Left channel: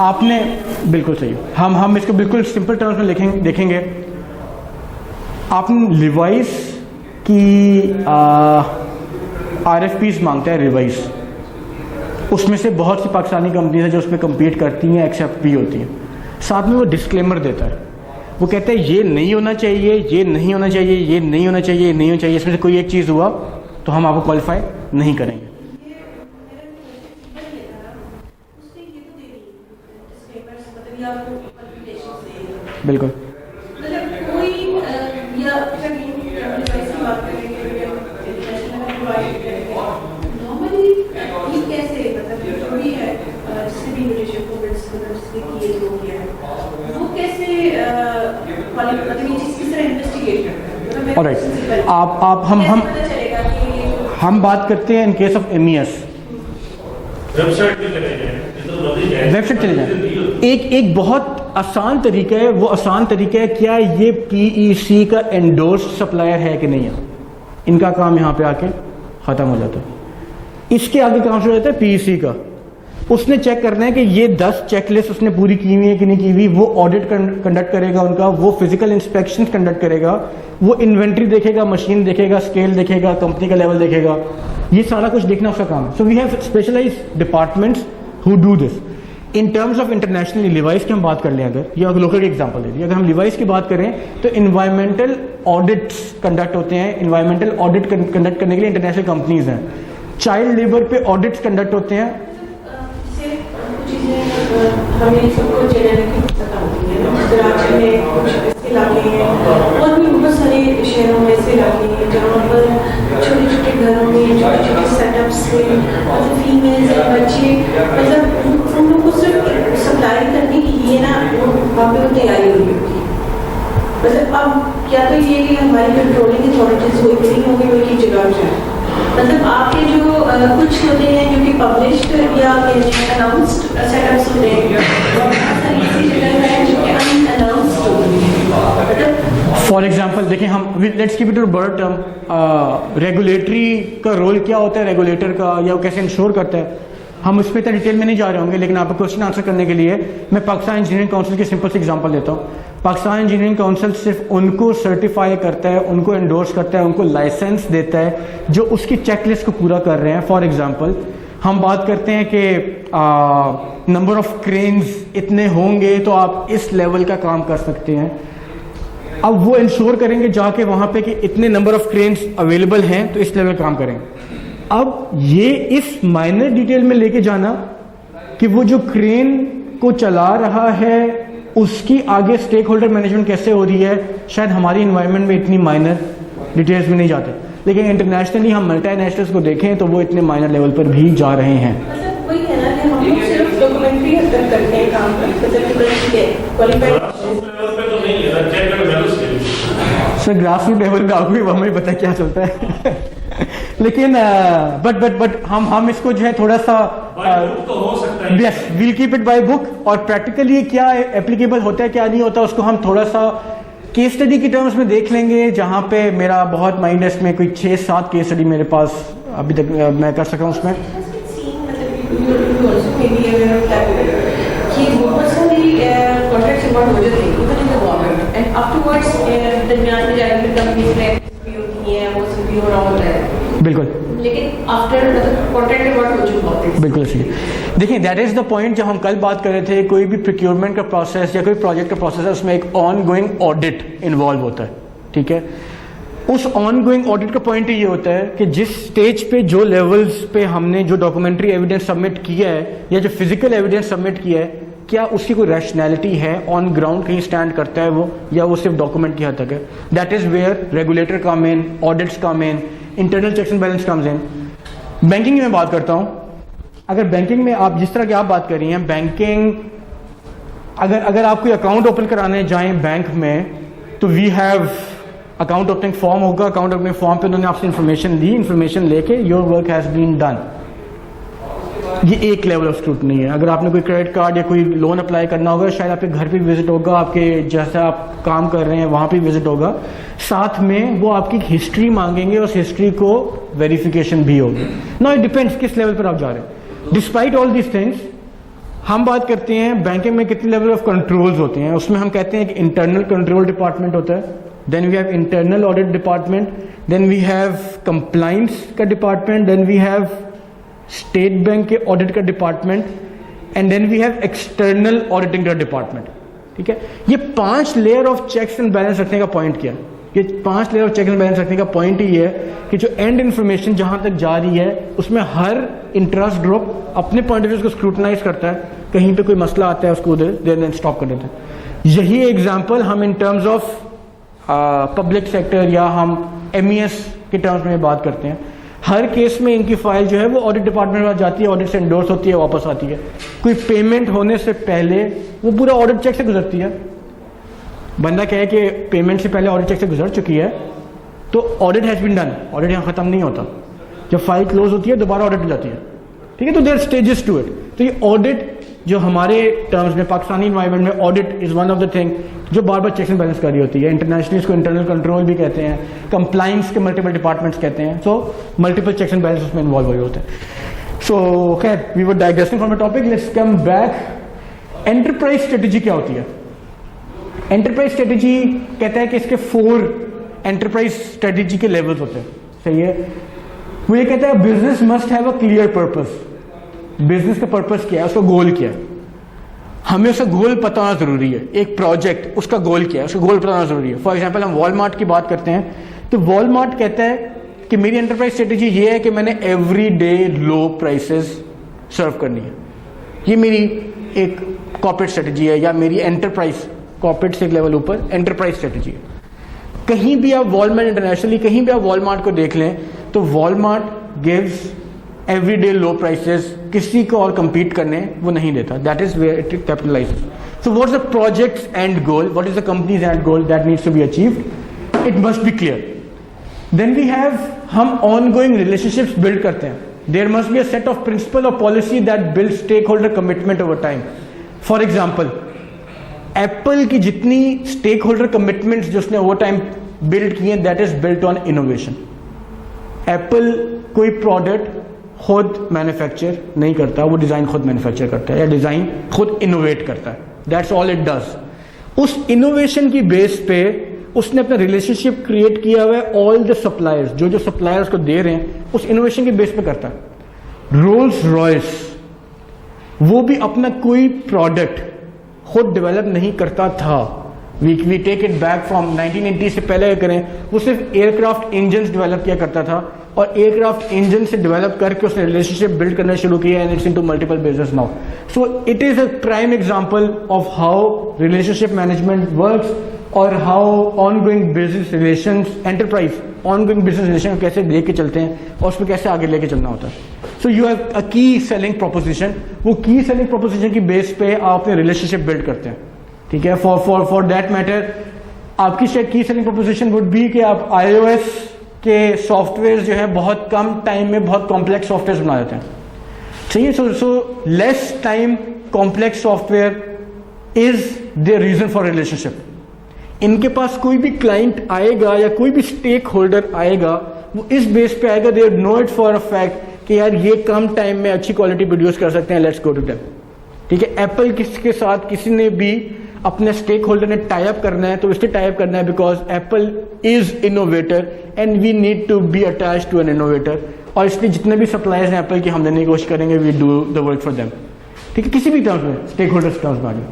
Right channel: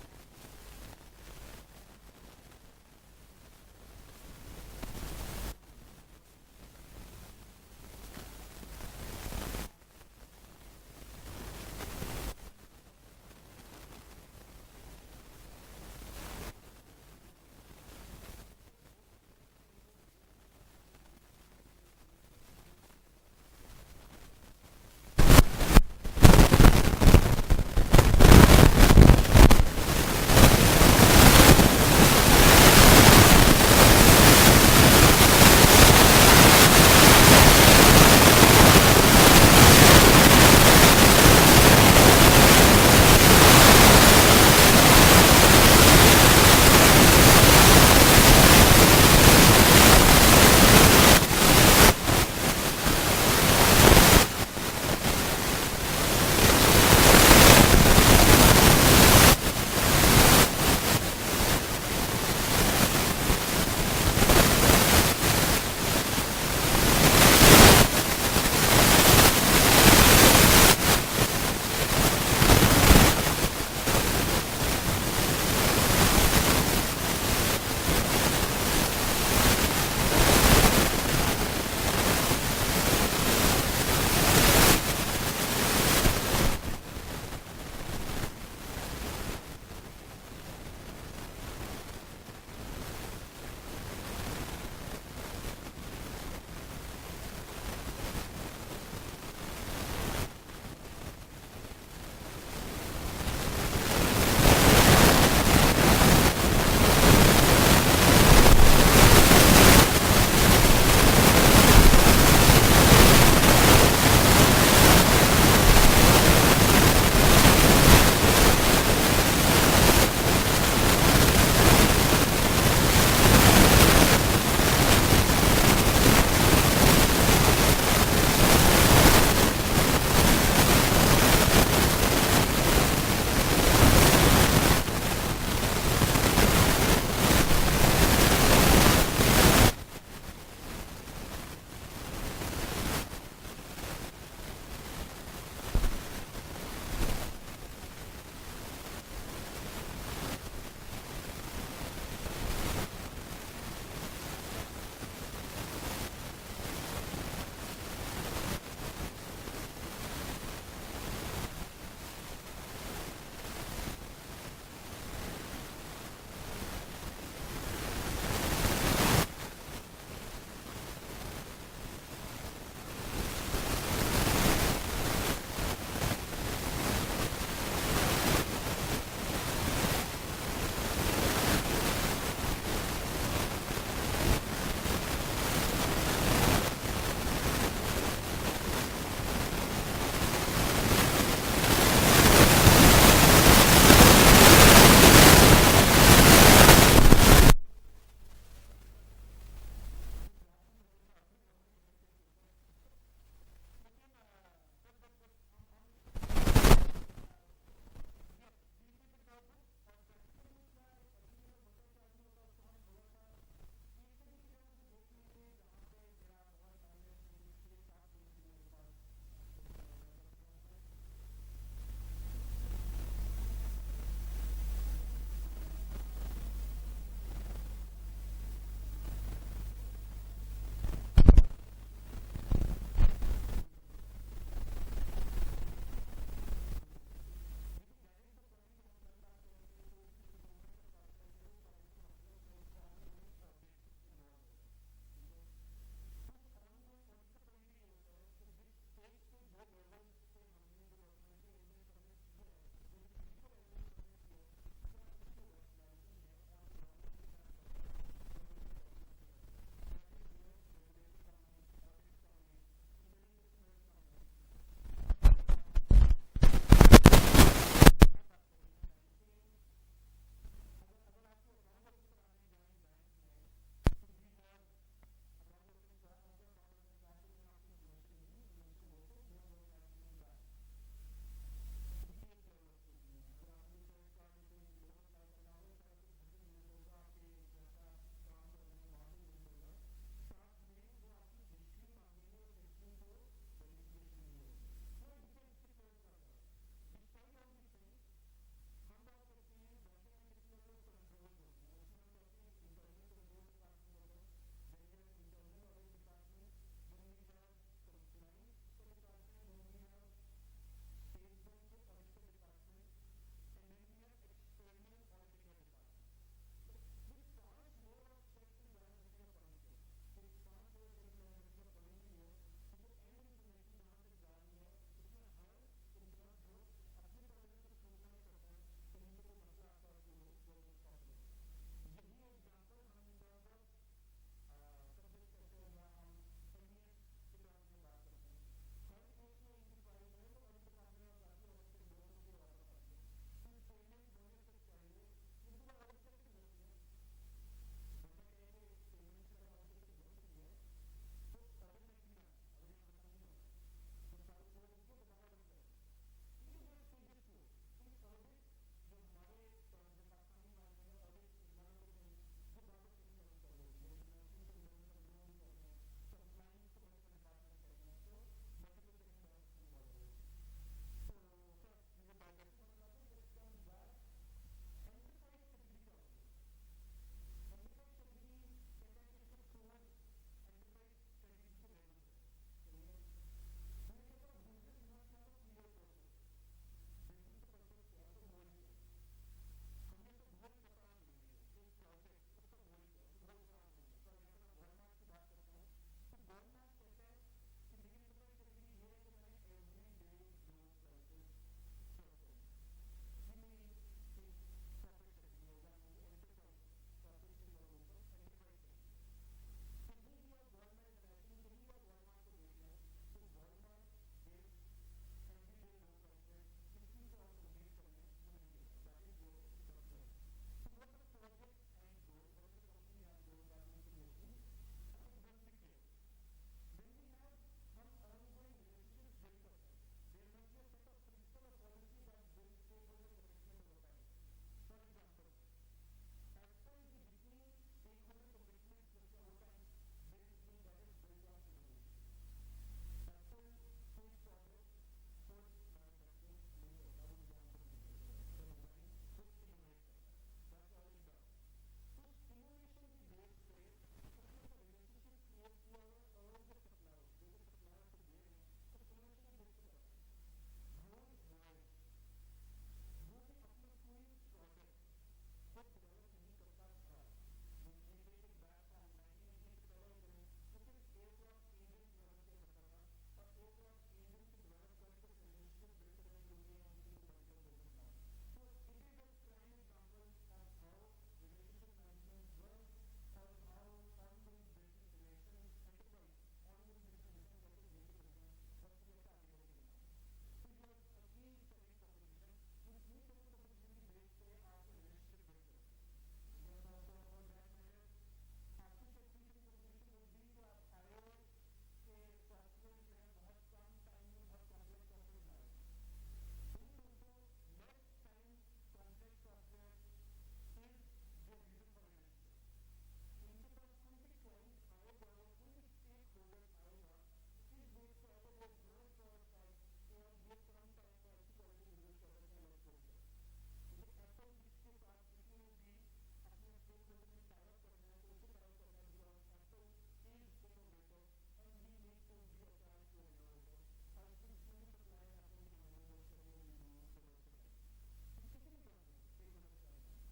आपने बिल्कुल सही, हम इसको बिल्कुल सिंपल टर्म्स में देखेंगे। आपने लिवाइस की RFPs मांगता है रिवाइस, उसमें से बहुत सी पाकिस्तानी कंपनीज हैं जो उसमें कम्पीट करती हैं, एक्सेप्ट भी होती हैं। साथ में वो डिस्क्लेमर देता है, वो कहता है ये नहीं होना चाहिए, ये नहीं होना चाहिए, ये नहीं होना चाहिए, ये नहीं होना चाहिए, इसमें से कोई एक चीज़ हुआ तो हम आपको क्वालिफाई नहीं करें। आप हम बात करते हैं in case of MES। Website चले जाए, एक बहुत आसान तरीका है, वो आसान तरीका है क्या ये PEC का एंडोर्स सप्लायर है कि नहीं, इनका काम यहाँ पे आकर ख़त्म हो जाता है। इसके आगे काम हो जाता है PEC का, उसने चेक करना है कि ये 10 चेकलिस्ट उसने पूरी की हुई है कि नहीं की हुई, वो ऑडिट कंडक्ट करेगा उनका, वो फिजिकल इंस्पेक्शन कंडक्ट करेगा, वो इन्वेंट्री देखेगा, मशीन देखेगा, स्केल देखेगा, कंपनी का लेवल देखेगा, ये सारा कुछ देखना उसका काम। So we have specialised departments who do this. In terms of international levies की हम बात कर लें, अगर ये लोकल की एग्जांपल है, अगर हम लिवाइस की बात करें तो इन्वायरमेंटल ऑडिट्स कंडक्ट होते हैं। इन्वायरमेंटल ऑडिट कंडक्ट करने के लिए इंटरनेशनल कंपनीज हैं। चाइल्ड लेबर पे ऑडिट्स कंडक्ट होते हैं। मतलब आपके जो कुछ होते हैं उनकी पब्लिश्ड या अनाउंस्ड सेटअप्स होते हैं, फॉर एग्जाम्पल देखें, हम let's keep it to broad term, regulatory का रोल क्या होता है रेगुलेटर का, या वो कैसे इंश्योर करता है, हम उस पर इतना डिटेल में नहीं जा रहे होंगे, लेकिन आपको क्वेश्चन आंसर करने के लिए मैं पाकिस्तान इंजीनियरिंग काउंसिल की सिंपल सी एग्जांपल देता हूँ। पाकिस्तान इंजीनियरिंग काउंसिल सिर्फ उनको सर्टिफाई करता है, उनको एंडोर्स करता है, उनको लाइसेंस देता है जो उसकी चेकलिस्ट को पूरा कर रहे हैं। फॉर एग्जांपल हम बात करते हैं कि नंबर ऑफ क्रेन्स इतने होंगे तो आप इस लेवल का काम कर सकते हैं। अब वो इंश्योर करेंगे जाके वहाँ पे कि इतने नंबर ऑफ क्रेन्स अवेलेबल हैं तो इस लेवल काम करेंगे। अब ये इस माइनर डिटेल में लेके जाना कि वो जो क्रेन को चला रहा है उसकी आगे स्टेक होल्डर मैनेजमेंट कैसे हो रही है, शायद हमारी इन्वायरमेंट में इतनी माइनर डिटेल्स में नहीं जाते, लेकिन इंटरनेशनली हम मल्टीनेशनल्स को देखें तो वो इतने माइनर लेवल पर भी जा रहे हैं। सर ग्रासरूट लेवल पे आपको हमें पता क्या चलता है लेकिन बट हम इसको जो है थोड़ा सा yes we'll keep it by book, और प्रैक्टिकली क्या एप्लीकेबल होता है क्या नहीं होता उसको हम थोड़ा सा केस स्टडी की टर्म्स में देख लेंगे, जहाँ पे मेरा बहुत माइंड है, इसमें कोई 6-7 केस स्टडी मेरे पास अभी तक मैं कर सका हूँ उसमें। बिल्कुल, लेकिन आफ्टर मतलब कॉन्ट्रैक्ट अवार्ड हो चुका होता है। बिल्कुल सही। देखिए दैट इज द पॉइंट, जब हम कल बात कर रहे थे, कोई भी प्रोक्योरमेंट का प्रोसेस या कोई प्रोजेक्ट का प्रोसेस है, उसमें एक ऑन गोइंग ऑडिट इन्वॉल्व होता है, ठीक है। उस ऑन गोइंग ऑडिट का पॉइंट ये होता है कि जिस स्टेज पे जो लेवल्स पे हमने जो डॉक्यूमेंट्री एविडेंस सबमिट किया है या जो फिजिकल एविडेंस सबमिट किया है, क्या उसकी कोई रैशनैलिटी है, ऑन ग्राउंड कहीं स्टैंड करता है वो, या वो सिर्फ डॉक्यूमेंट की हद तक है। That is where regulator come in, audits come in, internal checks and balance comes in. Banking में बात करता हूँ, अगर बैंकिंग में आप जिस तरह की आप बात कर रही हैं, बैंकिंग अगर आप कोई अकाउंट ओपन कराने जाएं बैंक में तो we have account opening form होगा, अकाउंट ओपनिंग फॉर्म पे उन्होंने आपसे इन्फॉर्मेशन ली, इन्फॉर्मेशन लेके your work has been done. ये एक लेवल ऑफ स्क्रूटनी है। अगर आपने कोई क्रेडिट कार्ड या कोई लोन अप्लाई करना होगा, शायद आपके घर पे विजिट होगा, आपके जैसा आप काम कर रहे हैं वहाँ पे विजिट होगा, साथ में वो आपकी हिस्ट्री मांगेंगे, उस हिस्ट्री को वेरिफिकेशन भी होगी। नाउ इट डिपेंड्स किस लेवल पर आप जा रहे हैं। डिस्पाइट ऑल दीज थिंग्स हम बात करते हैं बैंकिंग में कितने लेवल ऑफ कंट्रोल्स होते हैं, उसमें हम कहते हैं कि इंटरनल कंट्रोल डिपार्टमेंट होता है, then we have internal audit department, then we have compliance का department, then we have State Bank के ऑडिट का department, and then we have external auditing का डिपार्टमेंट। ठीक है, ये 5 layer of checks and balance रखने का पॉइंट क्या है? ये 5 layer of check and balance रखने का पॉइंट ही है कि जो एंड इन्फॉर्मेशन जहां तक जा रही है उसमें हर इंटरेस्ट ग्रुप अपने पॉइंट ऑफ व्यू उसको स्क्रूटनाइज करता है, कहीं पे कोई मसला आता है उसको उधर देन स्टॉप कर देते हैं। यही एग्जांपल हम इन टर्म्स ऑफ पब्लिक सेक्टर या हम MES के टर्म्स में बात करते हैं। हर केस में इनकी फाइल जो है वो ऑडिट डिपार्टमेंट में जाती है, ऑडिट से एंडोर्स होती है, वापस आती है। कोई पेमेंट होने से पहले वो पूरा ऑडिट चेक से गुजरती है। बंदा कहे कि पेमेंट से पहले ऑडिट चेक से गुजर चुकी है तो audit has been done, audit यहाँ खत्म नहीं होता। जब फाइल क्लोज होती है दोबारा ऑडिट जाती है। ठीक है, तो देयर स्टेजेस टू इट। तो ये ऑडिट जो हमारे टर्म्स में पाकिस्तानी एनवायरनमेंट में audit is one of the thing जो बार बार चेक्स एंड बैलेंस कर रही होती है। इंटरनेशनली इसको इंटरनल कंट्रोल भी कहते हैं, कंप्लाइंस के मल्टीपल डिपार्टमेंट्स कहते हैं। So multiple checks and balance उसमें इन्वॉल्व हुए होते हैं। सो खैर we were digressing from the topic, let's come back. Enterprise strategy क्या होती है? एंटरप्राइज स्ट्रेटेजी कहता है कि इसके 4 एंटरप्राइज स्ट्रेटेजी के लेवल्स होते हैं। सही है, वो ये कहता है business must have a clear purpose. Business का पर्पस क्या है, उसका गोल क्या है, हमें उसका गोल पता होना जरूरी है। एक प्रोजेक्ट उसका गोल क्या है, उसका गोल पता होना जरूरी है। फॉर एग्जांपल हम वॉलमार्ट की बात करते हैं तो वॉलमार्ट कहता है कि मेरी एंटरप्राइज स्ट्रेटेजी ये है कि मैंने एवरी डे लो प्राइसेस सर्व करनी है। ये मेरी एक कॉर्पोरेट स्ट्रेटेजी है, या मेरी एंटरप्राइज कॉर्पोरेट से एक लेवल ऊपर एंटरप्राइज स्ट्रेटेजी है। कहीं भी आप वॉलमार्ट इंटरनेशनली कहीं भी आप वॉलमार्ट को देख लें तो Walmart gives everyday low prices, किसी को और compete करने वो नहीं देता। That is where it capitalises. So what is the projects and goal, what is the companies and goal that needs to be achieved, it must be clear. Then we have, हम ongoing relationships build करते हैं। There must be a set of principle और policy that build stakeholder commitment over time. For example Apple की जितनी stake holder commitments जो उसने over time build किए हैं, that is built on innovation. Apple कोई प्रोडक्ट खुद manufacture नहीं करता, वो डिजाइन खुद मैन्युफैक्चर करता है या डिजाइन खुद इनोवेट करता है। That's all it does. उस इनोवेशन की बेस पे उसने अपना रिलेशनशिप क्रिएट किया हुआ है ऑल द सप्लायर्स, जो सप्लायर्स को दे रहे हैं उस इनोवेशन के बेस पे करता है। रोल्स रॉयस वो भी अपना कोई प्रोडक्ट खुद डेवलप नहीं करता था। We take it back from 1980 से पहले करें, वो सिर्फ एयरक्राफ्ट इंजन डेवलप किया करता था और एयरक्राफ्ट इंजन से डेवलप करके उसने रिलेशनशिप बिल्ड करना शुरू किया and it's into multiple business now. So it is a prime example of how relationship management works और how ongoing business relations, enterprise ongoing business relation कैसे लेके चलते हैं और उसमें कैसे आगे लेके चलना होता है। सो यू हैव अ की सेलिंग प्रोपोजिशन, वो की सेलिंग प्रोपोजिशन की बेस पे आप अपने रिलेशनशिप बिल्ड करते हैं। ठीक है, फॉर दैट मैटर आपकी शायद की सेलिंग प्रोपोजिशन वुड बी कि आप iOS के सॉफ्टवेयर जो है बहुत कम टाइम में बहुत कॉम्प्लेक्स सॉफ्टवेयर बना देते हैं। सही है, so less time complex software is the reason for relationship. इनके पास कोई भी क्लाइंट आएगा या कोई भी स्टेक होल्डर आएगा, वो इस बेस पे आएगा, they know it for a fact कि यार ये कम टाइम में अच्छी क्वालिटी प्रोड्यूस कर सकते हैं, लेट्स गो टू देम। ठीक है, एप्पल के साथ किसी ने भी अपने स्टेक होल्डर ने टाई अप करना है तो इसलिए टाई अप करना है because Apple is innovator and we need to be attach to an innovator. और इसलिए जितने भी सप्लायर्स हैं एप्पल की, हम देने की कोशिश करेंगे, we do the work for them. ठीक है, किसी भी टर्म्स में, स्टेक होल्डर्स टर्म्स में।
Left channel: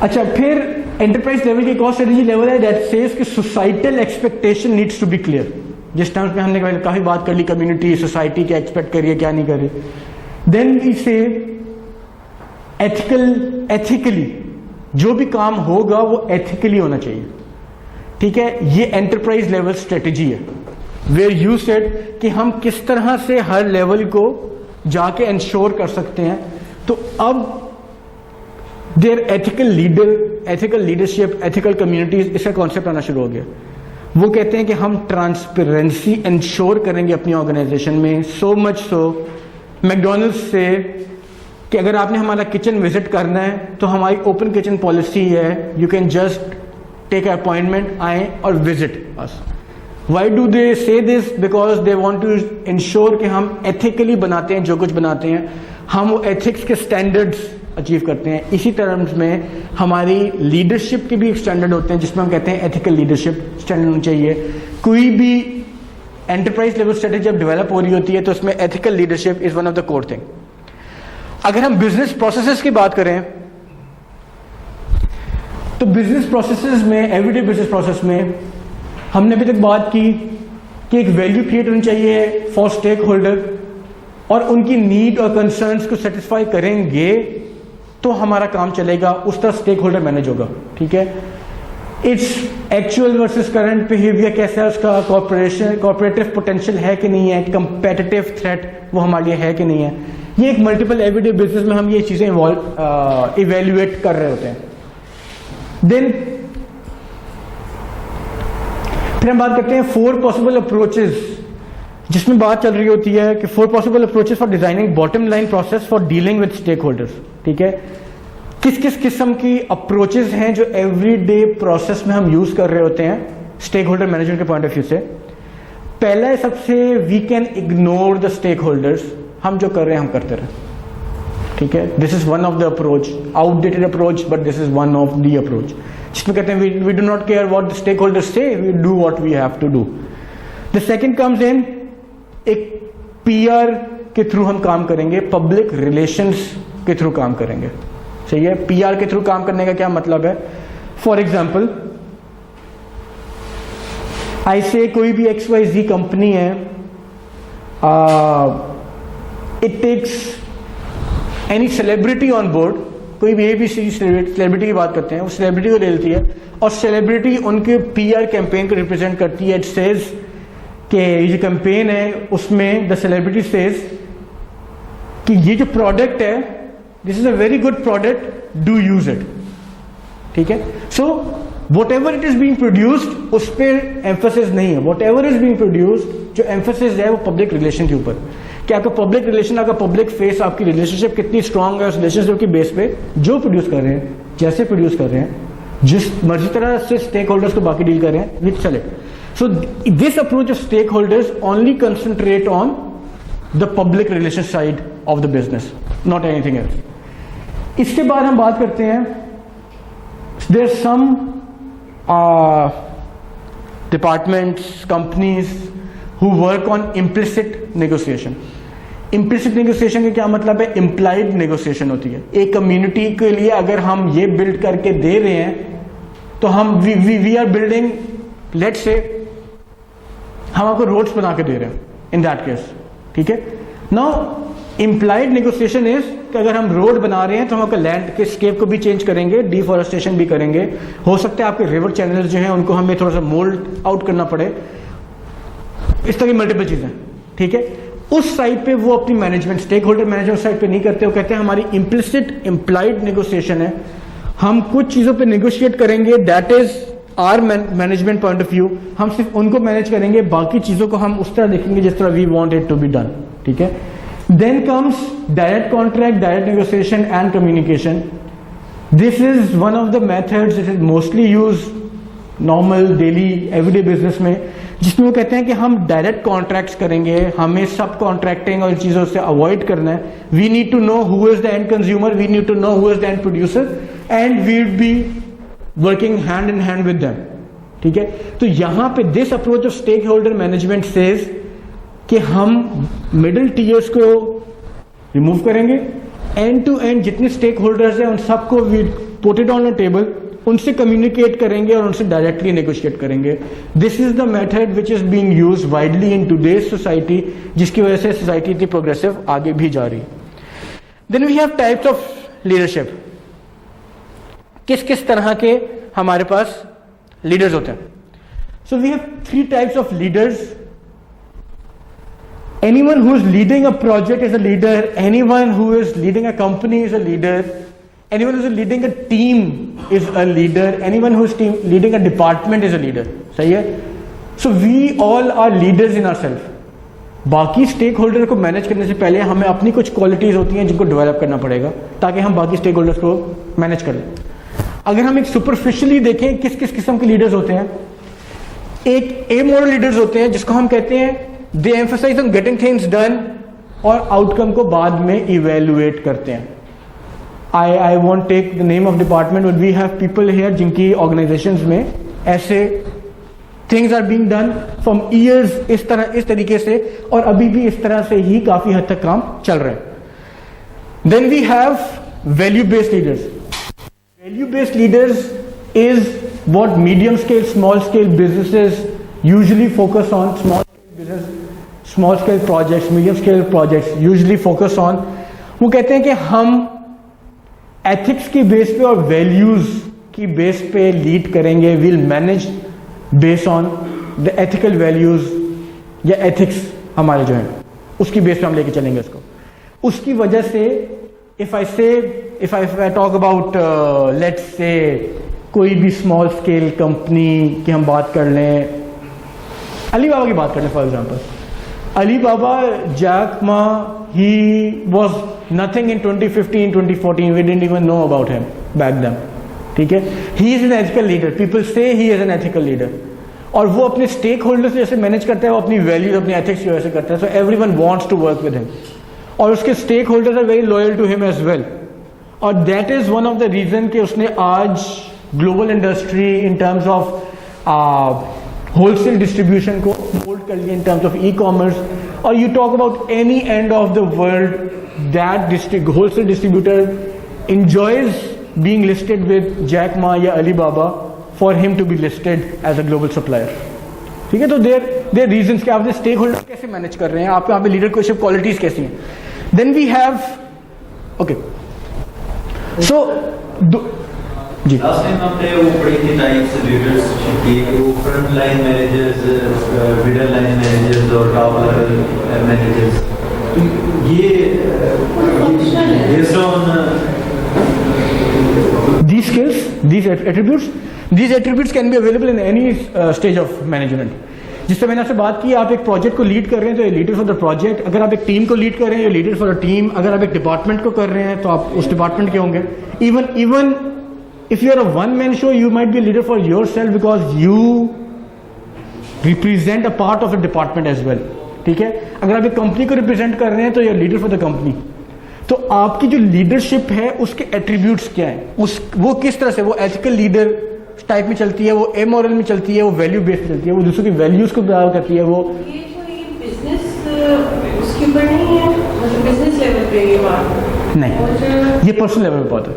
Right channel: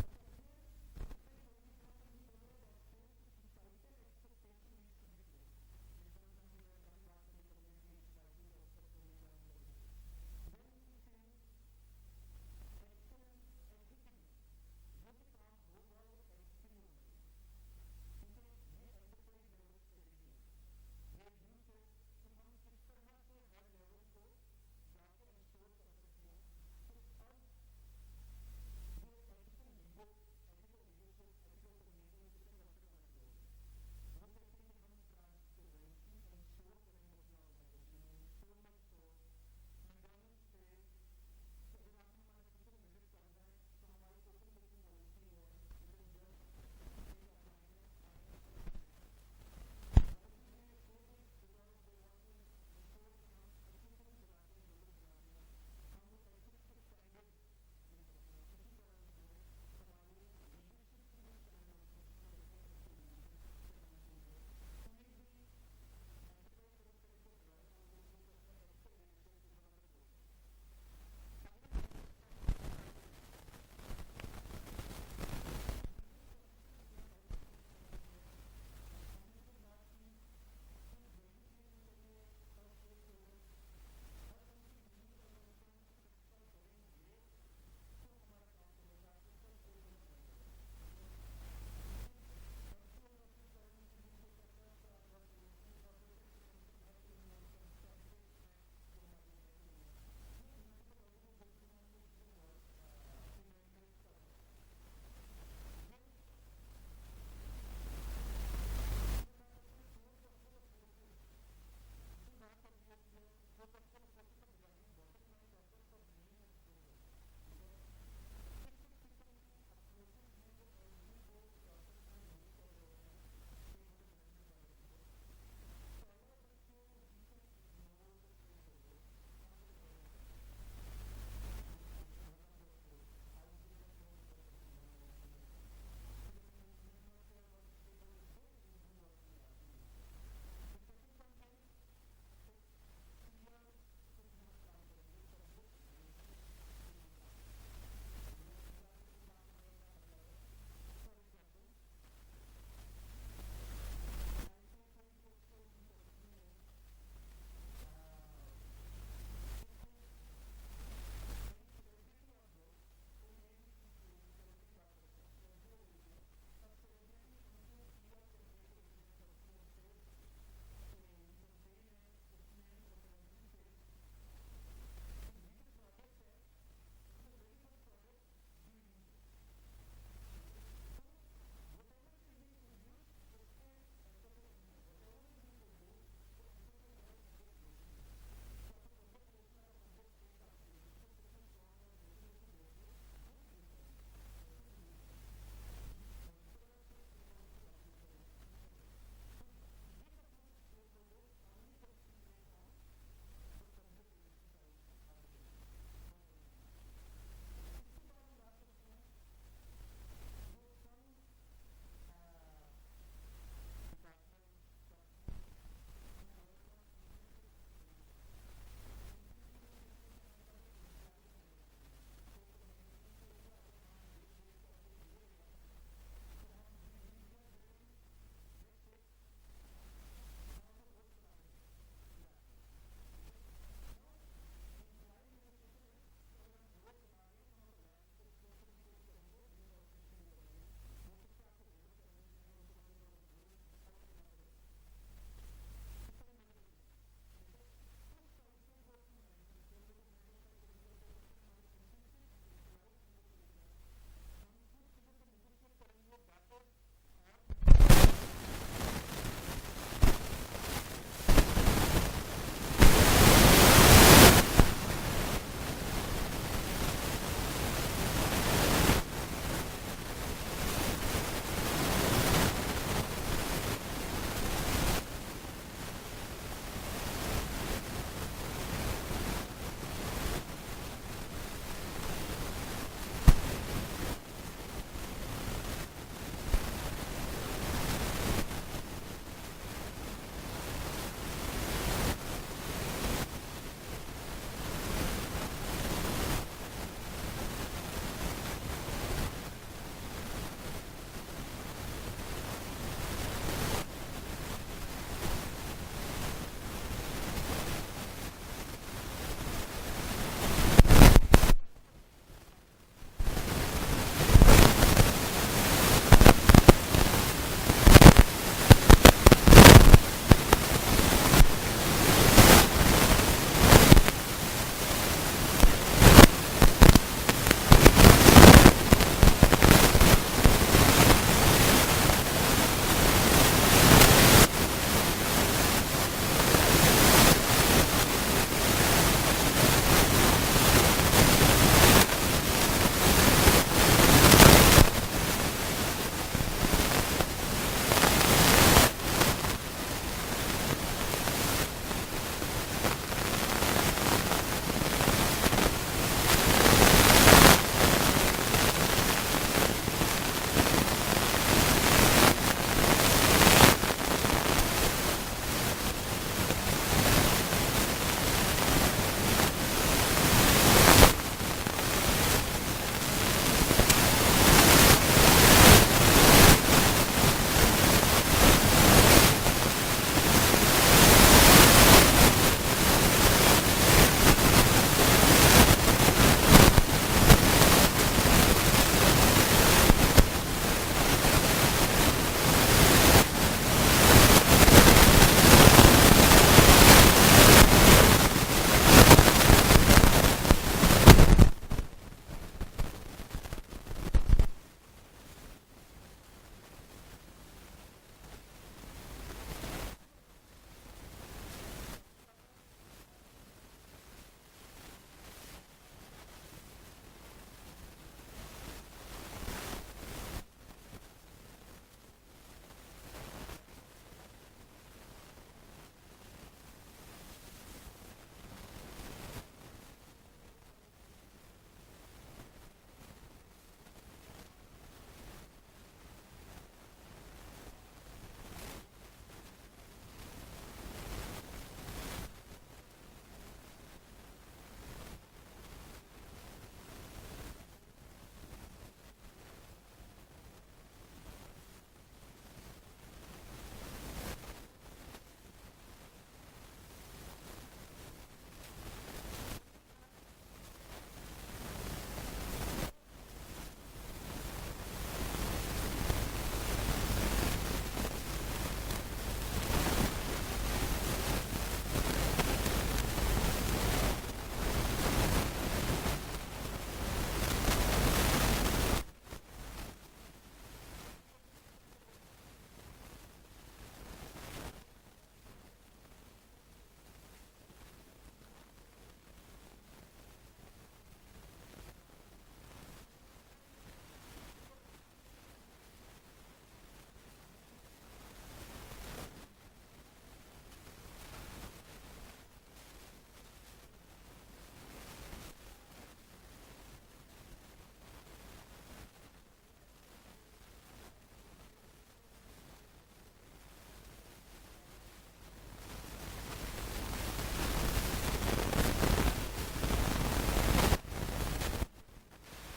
अच्छा, फिर एंटरप्राइज लेवल की एक और स्ट्रेटेजी लेवल है दैट सेज कि societal expectation needs to be clear. जिस टर्म्स में हमने काफी बात कर ली, कम्युनिटी, सोसाइटी क्या एक्सपेक्ट करिए क्या नहीं कर रही। देन वी से एथिकली जो भी काम होगा वो एथिकली होना चाहिए। ठीक है, ये एंटरप्राइज लेवल स्ट्रेटेजी है वेयर यू सेड कि हम किस तरह से हर लेवल को जाके इंश्योर कर सकते हैं। तो अब there ethical leadership, ethical communities, इसका कॉन्सेप्ट आना शुरू हो गया। वो कहते हैं कि हम ट्रांसपेरेंसी इंश्योर करेंगे अपनी ऑर्गेनाइजेशन में, सो मच सो मैकडॉनल्ड्स से कि अगर आपने हमारा किचन विजिट करना है तो हमारी ओपन किचन पॉलिसी है, you can just take appointment, आए और visit us. Why do they say this? Because they want to ensure कि हम एथिकली बनाते हैं जो कुछ बनाते हैं, हम वो एथिक्स के स्टैंडर्ड्स अचीव करते हैं। इसी टर्म्स में हमारी लीडरशिप के भी एक स्टैंडर्ड होते हैं जिसमें हम कहते हैं एथिकल लीडरशिप स्टैंडर्ड होना चाहिए। कोई भी एंटरप्राइज लेवल स्ट्रेटेजी जब डेवलप हो रही होती है तो उसमें ethical leadership is one of the core thing. अगर हम बिजनेस प्रोसेसेस की बात करें तो बिजनेस प्रोसेसेस में, एवरीडे बिजनेस प्रोसेस में हमने अभी तक बात की कि एक वैल्यू क्रिएट होनी चाहिए फॉर स्टेक होल्डर, और उनकी नीड और कंसर्न्स को सेटिस्फाई करेंगे तो हमारा काम चलेगा, उस तरह स्टेक होल्डर मैनेज होगा। ठीक है, its actual versus current behaviour कैसा है उसका, कॉर्पोरेटिव पोटेंशियल है कि नहीं है, कंपेटिटिव थ्रेट वो हमारे लिए है कि नहीं है, ये एक मल्टीपल एवरीडे बिजनेस में हम ये चीजें इवेल्युएट कर रहे होते हैं। देन फिर हम बात करते हैं 4 पॉसिबल अप्रोचेस, जिसमें बात चल रही होती है कि 4 possible approaches for designing bottom line process for dealing with stakeholders. ठीक है, किस किस किस्म की अप्रोचेस हैं जो एवरीडे प्रोसेस में हम यूज कर रहे होते हैं स्टेक होल्डर मैनेजमेंट के पॉइंट ऑफ व्यू से। पहला है सबसे, we can ignore the stakeholders, हम जो कर रहे हैं हम करते रहे। ठीक है, this is one of the approach, outdated approach but this is one of the approach, जिसमें कहते हैं we do not care what the stakeholders से, we do what we have to do. The second comes in, एक PR के through हम काम करेंगे, public relations के थ्रू काम करेंगे। सही है, पीआर के थ्रू काम करने का क्या मतलब है? फॉर एग्जाम्पल ऐसे कोई भी XYZ कंपनी है, it takes any celebrity on board, कोई भी ABC सेलिब्रिटी की बात करते हैं, वो सेलिब्रिटी को ले लेती है और सेलिब्रिटी उनके पीआर कैंपेन को रिप्रेजेंट करती है। इट सेज कि ये जो कैंपेन है उसमें द सेलिब्रिटी सेज कि ये जो प्रोडक्ट है, this is a very good product, do use it. ठीक है, so what ever it is being produced उस पर एम्फोसिस नहीं है, what ever is being produced जो एम्फोसिस है वो पब्लिक रिलेशन के ऊपर, कि आपका पब्लिक रिलेशन, आपका पब्लिक फेस, आपकी रिलेशनशिप कितनी स्ट्रांग है उस रिलेशनशिप की बेस पे जो प्रोड्यूस कर रहे हैं, जैसे प्रोड्यूस कर रहे हैं, जिस मर्जी तरह से स्टेक होल्डर्स को बाकी डील कर रहे हैं, विच चले। So this approach of stakeholders only concentrate on the public relation side of the business, not anything else. इसके बाद हम बात करते हैं, there some departments, companies who work on implicit negotiation. Implicit negotiation का क्या मतलब है? इम्प्लाइड नेगोशिएशन होती है। एक कम्युनिटी के लिए अगर हम ये बिल्ड करके दे रहे हैं तो हम we are building, let's say हम आपको रोड्स बना के दे रहे हैं इन दैट केस। ठीक है, नाउ इम्प्लाइड नेगोशिएशन इज कि अगर हम रोड बना रहे हैं तो हम आपका लैंड के स्केप को भी चेंज करेंगे, डिफॉरेस्टेशन भी करेंगे, हो सकता है आपके रिवर चैनल जो हैं उनको हमें थोड़ा सा मोल्ड आउट करना पड़े, इस तरह की मल्टीपल चीजें। ठीक है, उस साइड पे वो अपनी management, stakeholder management side पे नहीं करते, वो कहते हैं हमारी इम्प्लिसिट इम्प्लाइड नेगोशिएशन है, हम कुछ चीजों पे नेगोशिएट करेंगे, that is our management point of view, हम सिर्फ उनको मैनेज करेंगे, बाकी चीजों को हम उस तरह देखेंगे जिस तरह we want it to be done. ठीक है, then comes direct contract, direct negotiation and communication. This is one of the methods it is mostly use normal daily everyday business में, जिसमें वो कहते हैं कि हम डायरेक्ट कॉन्ट्रैक्ट्स करेंगे, हमें सब कॉन्ट्रैक्टिंग और चीज़ों से अवॉइड करना है। We need to know who is the end consumer, we need to know who is the end producer, and we would be working hand in hand with them. ठीक है, तो यहाँ पे this approach of stakeholder management says कि हम middle tiers को remove करेंगे, end to end जितने स्टेक होल्डर्स हैं उन सबको we put it on a table, उनसे कम्युनिकेट करेंगे और उनसे डायरेक्टली नेगोशिएट करेंगे। This is the method which is being used widely in today's society, जिसकी वजह से सोसाइटी इतनी प्रोग्रेसिव आगे भी जा रही है। Then we have types of leadership, किस किस तरह के हमारे पास लीडर्स होते हैं। तो we have 3 types of leaders. Anyone who is leading a project is a leader, anyone who is leading a company is a leader, anyone who is leading a team is a leader, anyone who is leading a department is a leader. सही है? So we all are leaders in ourselves. बाकी stake holder को manage करने से पहले हमें अपनी कुछ क्वालिटीज़ होती हैं जिनको डेवलप करना पड़ेगा ताकि हम बाकी स्टेक होल्डर्स को मैनेज करें। अगर हम एक सुपरफिशियली देखें किस किस किस्म के लीडर्स होते हैं, एक ए मॉडल लीडर्स होते हैं जिसको हम कहते हैं they emphasise on getting things done और आउटकम को बाद में इवेलुएट करते हैं. I won't take the name of department, but we have people here जिनकी ऑर्गेनाइजेशंस में ऐसे things are being done from years, इस तरीके से, और अभी भी इस तरह से ही काफ़ी हद तक काम चल रहे हैं. Then we have value based leaders. Value based leaders is what medium scale, small scale businesses usually focus on. Small scale projects, medium scale projects usually focus on. वो कहते हैं कि हम ethics की बेस पे और values की base पे लीड करेंगे. we'll manage based on the ethical values, the ethics हमारे जो हैं उसकी बेस पे हम लेके चलेंगे. उसकी वजह से if I talk about let's say कोई भी स्मॉल स्केल कंपनी की हम बात कर लें, अलीबाबा की बात कर लें for example. Alibaba, Jack Ma, he was nothing in 2015, 2014. We didn't even know about him back then. ठीक है, he is an ethical leader. People say he is an ethical leader. और वो अपने स्टेक होल्डर्स जैसे manage करता है, वो अपनी वैल्यूज, अपनी एथिक्स की वजह से करता है. So everyone wants to work with him, और उसके stakeholders are very loyal to him as well. और that is one of the reason कि उसने आज global industry in terms of wholesale distribution को मोल्ड कर लिया in terms of e commerce. और you talk about any end of the world, that wholesale distributor enjoys being listed with Jack Ma या Alibaba for him to be listed as a global supplier. ठीक है, तो there reasons कि आपने stake holder कैसे manage कर रहे हैं, आप यहाँ पे लीडरशिप क्वालिटीज कैसी हैं. Then we have okay so जी लास्ट टाइम आपने वो पढ़ी थी टाइप्स लीडरशिप की, वो front line managers, middle line managers और टॉप लेवल मैनेजर्स. ये based on these skills, these attributes can be available in any stage of management. जिससे मैंने आपसे बात की, आप एक प्रोजेक्ट को लीड कर रहे हैं तो ये लीडर फॉर द प्रोजेक्ट. अगर आप एक टीम को लीड कर रहे हैं, ये लीडर फॉर द टीम. अगर आप एक डिपार्टमेंट को कर रहे हैं तो आप उस डिपार्टमेंट के होंगे. Even if you are a one man show, you might be a leader for yourself because you represent a part of a department as well. ठीक है, अगर आप एक कंपनी को रिप्रेजेंट कर रहे हैं तो you are leader for the company. तो आपकी जो लीडरशिप है उसके एट्रीब्यूट्स क्या हैं, वो किस तरह से, वो एथिकल लीडर टाइप में चलती है, वो एमोरल में चलती है, वो वैल्यू बेस्ड चलती है, वो दूसरों की वैल्यूज को प्यार करती है. वो ये जो ये बिजनेस उसके ऊपर नहीं है, मतलब बिजनेस लेवल पे ये बात नहीं, ये पर्सनल लेवल पे बात है.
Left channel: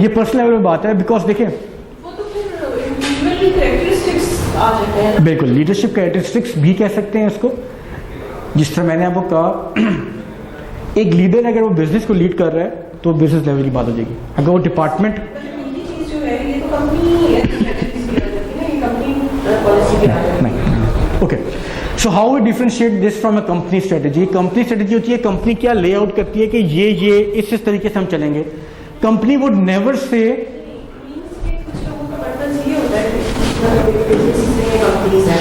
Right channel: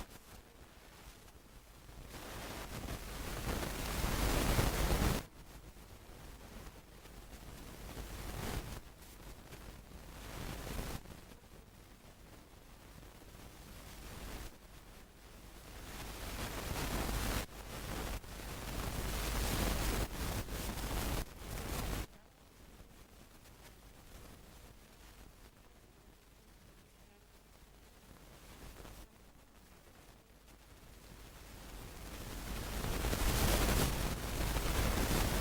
ये पर्सनल लेवल पे बात है बिकॉज देखिए वो तो फिर इंडिविजुअल कैरेक्टरिस्टिक्स आ जाते हैं. बिल्कुल, लीडरशिप कैरेक्टरिस्टिक्स भी कह सकते हैं इसको. जिस तरह मैंने आपको कहा, एक लीडर अगर वो बिजनेस को लीड कर रहा है तो बिजनेस लेवल की बात हो जाएगी. अगर वो डिपार्टमेंट ये चीज जो है ये तो कंपनी पॉलिसी भी आ जाती है. नहीं. Okay, so how we differentiate this from a company strategy. Company strategy होती है कंपनी क्या लेआउट करती है कि ये इस तरीके से हम चलेंगे. कंपनी वुड नेवर से कुछ लोगों का पर्पस ये होता है कि बिजनेस में कंपनीज है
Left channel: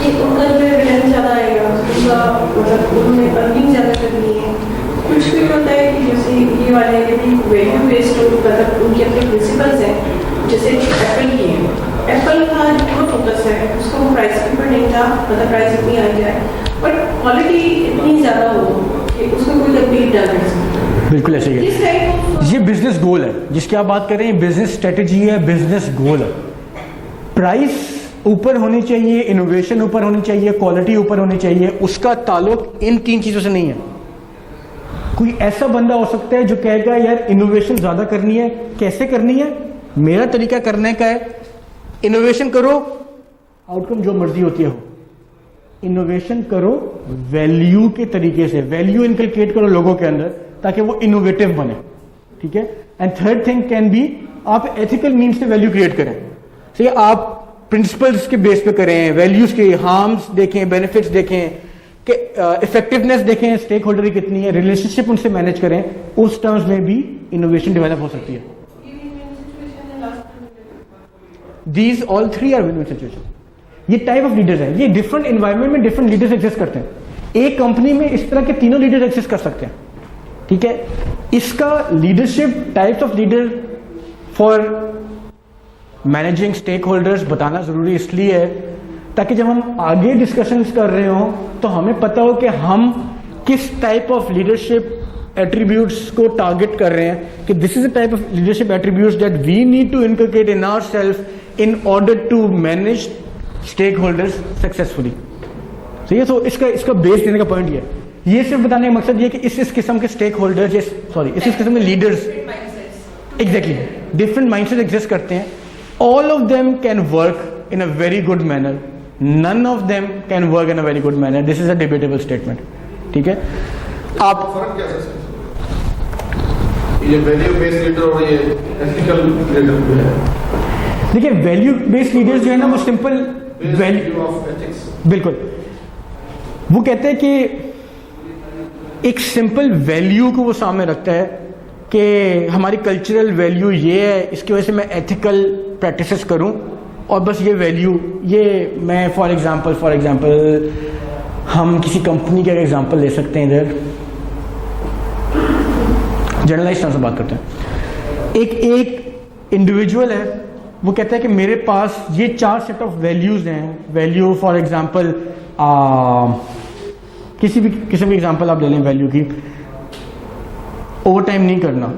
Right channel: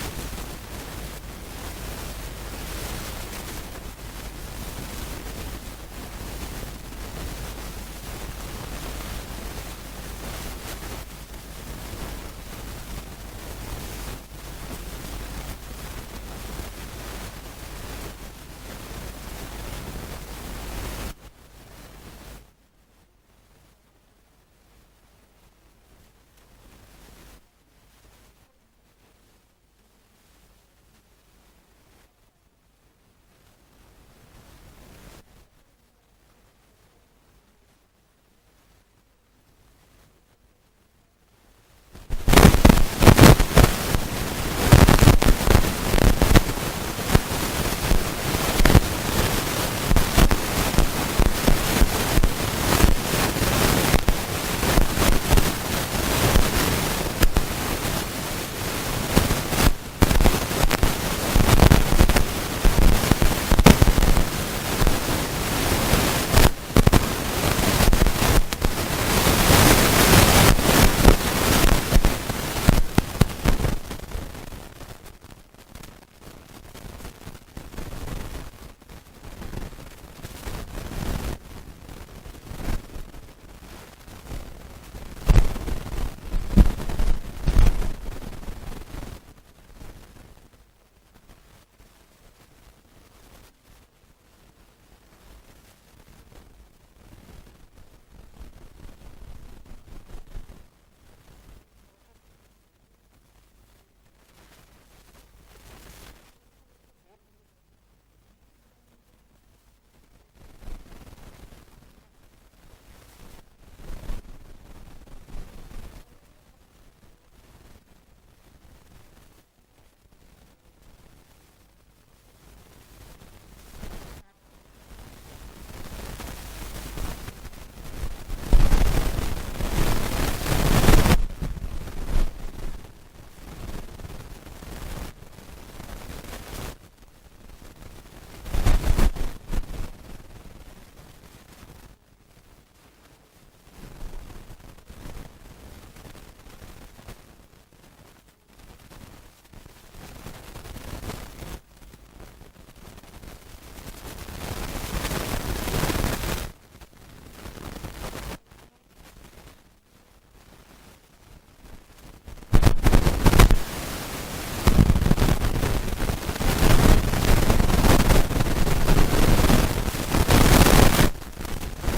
कि उनका जो है रिटर्न ज़्यादा आएगा, उनका मतलब उन्हें अर्निंग ज़्यादा करनी है. कुछ भी होता है कि जैसे ये वाले यदि वैल्यू बेस्ड मतलब उनके अपने प्रिंसिपल्स हैं, जैसे एप्पल की है. एप्पल का जो पूरा फोकस है उसको प्राइस के ऊपर नहीं था, मतलब प्राइस इतनी आ जाए बट क्वालिटी इतनी ज़्यादा हो कि उसको कोई तकलीफ ना कर सके. बिल्कुल ऐसे ही है. ये बिजनेस गोल है जिसकी आप बात कर रहे हैं, बिजनेस स्ट्रेटजी है, बिजनेस गोल है. प्राइस ऊपर होनी चाहिए, इनोवेशन ऊपर होनी चाहिए, क्वालिटी ऊपर होनी चाहिए. उसका ताल्लुक इन तीन चीजों से नहीं है. कोई ऐसा बंदा हो सकता है जो कहेगा यार इनोवेशन ज्यादा करनी है, कैसे करनी है, मेरा तरीका करने का है, इनोवेशन करो, आइटम जो मर्जी होती है, इनोवेशन करो वैल्यू के तरीके से, वैल्यू इंकलकेट करो लोगों के अंदर ताकि वो इनोवेटिव बने. ठीक है. And third thing can be आप एथिकल मीन्स से वैल्यू क्रिएट करें. ये आप प्रिंसिपल्स के बेस पे करें, वैल्यूज के हार्म्स देखें, बेनिफिट्स देखें, इफेक्टिवनेस देखें, स्टेक होल्डर की कितनी है, रिलेशनशिप उनसे मैनेज करें. उस टर्म्स में भी इनोवेशन डेवलप हो सकती है. These all three are business. ये टाइप ऑफ लीडर है. ये डिफरेंट एनवायरनमेंट में डिफरेंट लीडर्स एग्जिस्ट करते हैं. एक कंपनी में इस तरह के तीनों लीडर्स एग्जिस्ट कर सकते हैं. ठीक है. इसका leadership types of leader for managing stakeholders बताना ज़रूरी इसलिए है ताकि जब हम आगे डिस्कशंस कर रहे हो तो हमें पता हो कि हम किस टाइप ऑफ लीडरशिप एट्रीब्यूट्स को टारगेट कर रहे हैं कि this is a type of leadership attributes that we need to inculcate in ourselves in order to manage stakeholders successfully. ठीक है, तो इसका बेस देने का पॉइंट ये सिर्फ बताने का मकसद ये कि इस किस्म के स्टेक होल्डर्स, इस किस्म के leaders, exactly different mindset exist करते हैं। All of them can work in a very good manner, none of them can work in a very good manner. This is a debatable statement. ठीक है, आप फर्क क्या है ये वैल्यू बेस्ड लीडर और ये एथिकल लीडर जो है? देखिए, वैल्यू बेस्ड लीडर्स जो है ना वो सिंपल वैल्यू ऑफ एथिक्स, बिल्कुल, वो कहते हैं कि एक सिंपल वैल्यू को वो सामने रखता है कि हमारी कल्चरल वैल्यू ये है, इसकी वजह से मैं एथिकल प्रैक्टिसेस करूं और बस ये वैल्यू, ये मैं फॉर एग्जांपल हम किसी कंपनी का एग्जांपल ले सकते हैं। इधर जर्नलाइज तरह से बात करते हैं। एक इंडिविजुअल है, वो कहता है कि मेरे पास ये 4 सेट ऑफ वैल्यूज़ हैं। वैल्यू फॉर एग्जांपल किसी भी एग्जांपल आप ले लें वैल्यू की, ओवर टाइम नहीं करना,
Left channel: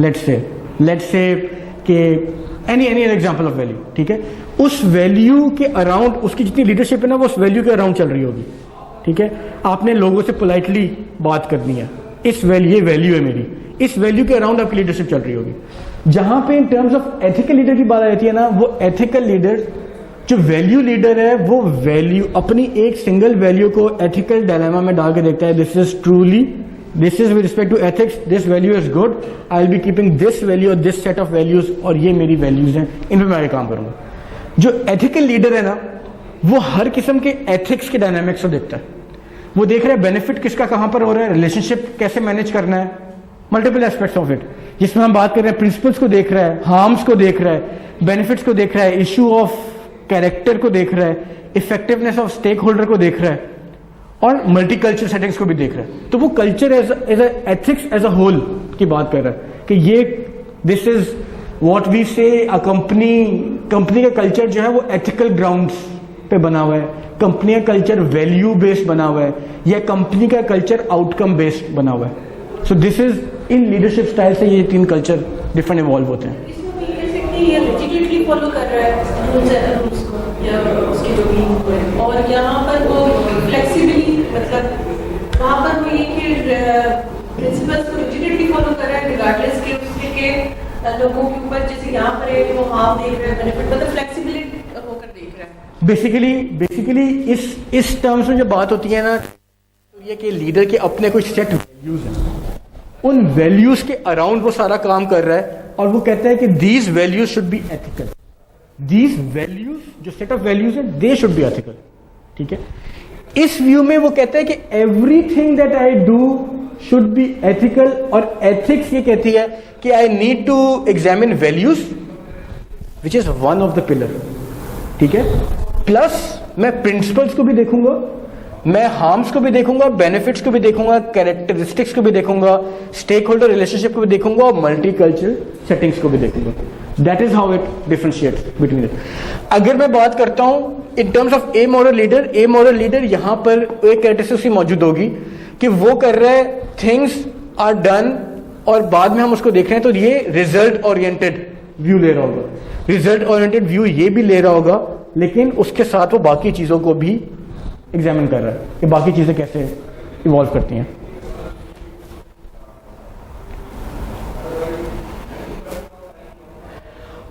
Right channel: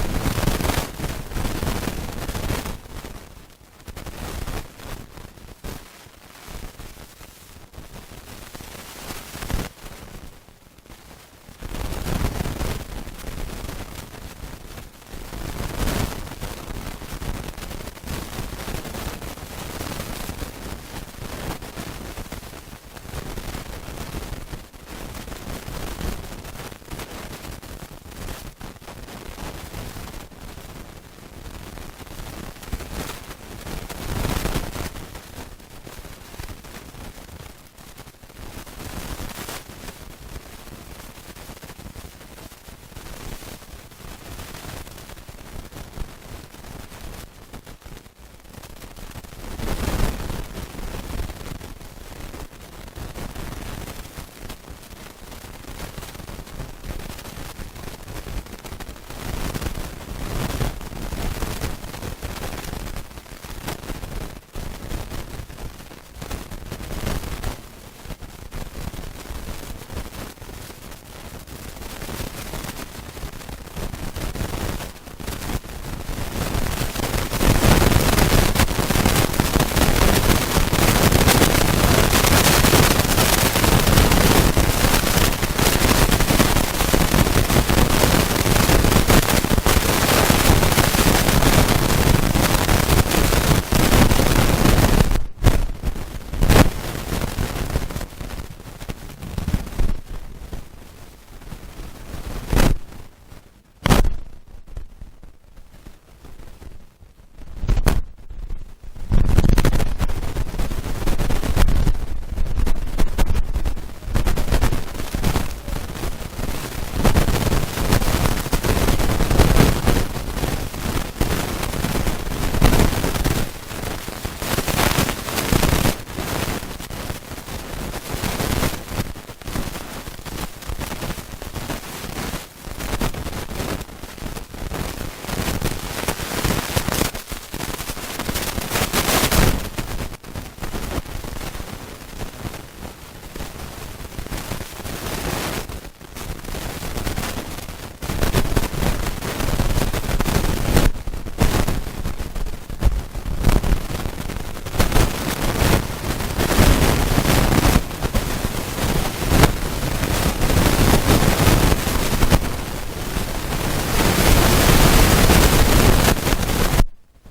लेट्स से कि एनी एग्जांपल ऑफ वैल्यू। ठीक है, उस वैल्यू के अराउंड उसकी जितनी लीडरशिप है ना वो उस वैल्यू के अराउंड चल रही होगी। ठीक है, आपने लोगों से पोलाइटली बात करनी है, इस वैल्यू, ये वैल्यू है मेरी, इस वैल्यू के अराउंड आपकी लीडरशिप चल रही होगी। जहाँ पे in terms of ethical leader की बात आती है ना, वो एथिकल लीडर जो वैल्यू लीडर है वो वैल्यू, अपनी एक सिंगल वैल्यू को एथिकल डायलेमा में डाल के देखता है। This is with respect to ethics, this value is good, I will be keeping this value और दिस सेट ऑफ वैल्यूज, और ये मेरी वैल्यूज हैं, इन पर मैं आगे काम करूँगा। जो एथिकल लीडर है ना वो हर किस्म के एथिक्स के डायनामिक्स को देखता है। वो देख रहा है बेनिफिट किसका कहाँ पर हो रहा है, रिलेशनशिप कैसे मैनेज करना है, मल्टीपल एस्पेक्ट्स ऑफ इट, जिसमें हम बात कर रहे हैं प्रिंसिपल्स को देख रहा है, हार्म्स को देख रहा है, बेनिफिट्स को देख रहा है, इशू ऑफ कैरेक्टर को देख रहा है, इफेक्टिवनेस ऑफ स्टेक होल्डर को देख रहा है, और मल्टीकल्चर सेटिंग्स को भी देख रहा है। तो वो culture as ethics as a whole की बात कर रहा है कि ये दिस इज व्हाट वी से अ कंपनी का कल्चर जो है वो एथिकल ग्राउंड्स पे बना हुआ है, कंपनी का कल्चर वैल्यू बेस्ड बना हुआ है, या कंपनी का कल्चर आउटकम बेस्ड बना हुआ है। सो this is in leadership style से ये 3 कल्चर डिफरेंट इवॉल्व होते हैं। बेसिकली इस टर्म्स में जो बात होती है ना, ये कि लीडर के अपने कुछ सेट वैल्यूज हैं, उन वैल्यूज के अराउंड वो सारा काम कर रहा है, और वो कहता है कि these values should be ethical, these values जो सेट ऑफ वैल्यूज है दे शुड बी एथिकल। ठीक है, इस व्यू में वो कहता है कि everything that I do should be ethical, और एथिक्स ये कहती है कि I need to examine values which is one of the pillar. ठीक है, प्लस मैं प्रिंसिपल्स को भी देखूंगा, मैं हार्म्स को भी देखूंगा, बेनिफिट्स को भी देखूंगा, कैरेक्टरिस्टिक्स को भी देखूंगा, स्टेक होल्डर रिलेशनशिप को भी देखूंगा, और मल्टी कल्चरल सेटिंग्स को भी देखूंगा। That is how it differentiates between it. अगर मैं बात करता हूँ इन terms of A moral leader, यहाँ पर एक कैरेक्टरिस्टिक मौजूद होगी कि वो कर रहा है थिंग्स आर डन, और बाद में हम उसको देख रहे हैं तो ये रिजल्ट ओरिएंटेड व्यू ले रहा होगा, रिजल्ट ओरिएंटेड व्यू ये भी ले रहा होगा, लेकिन उसके साथ वो बाकी चीज़ों को भी एग्जामिन कर रहा है, तो बाकी चीज़ें कैसे इवॉल्व करती हैं।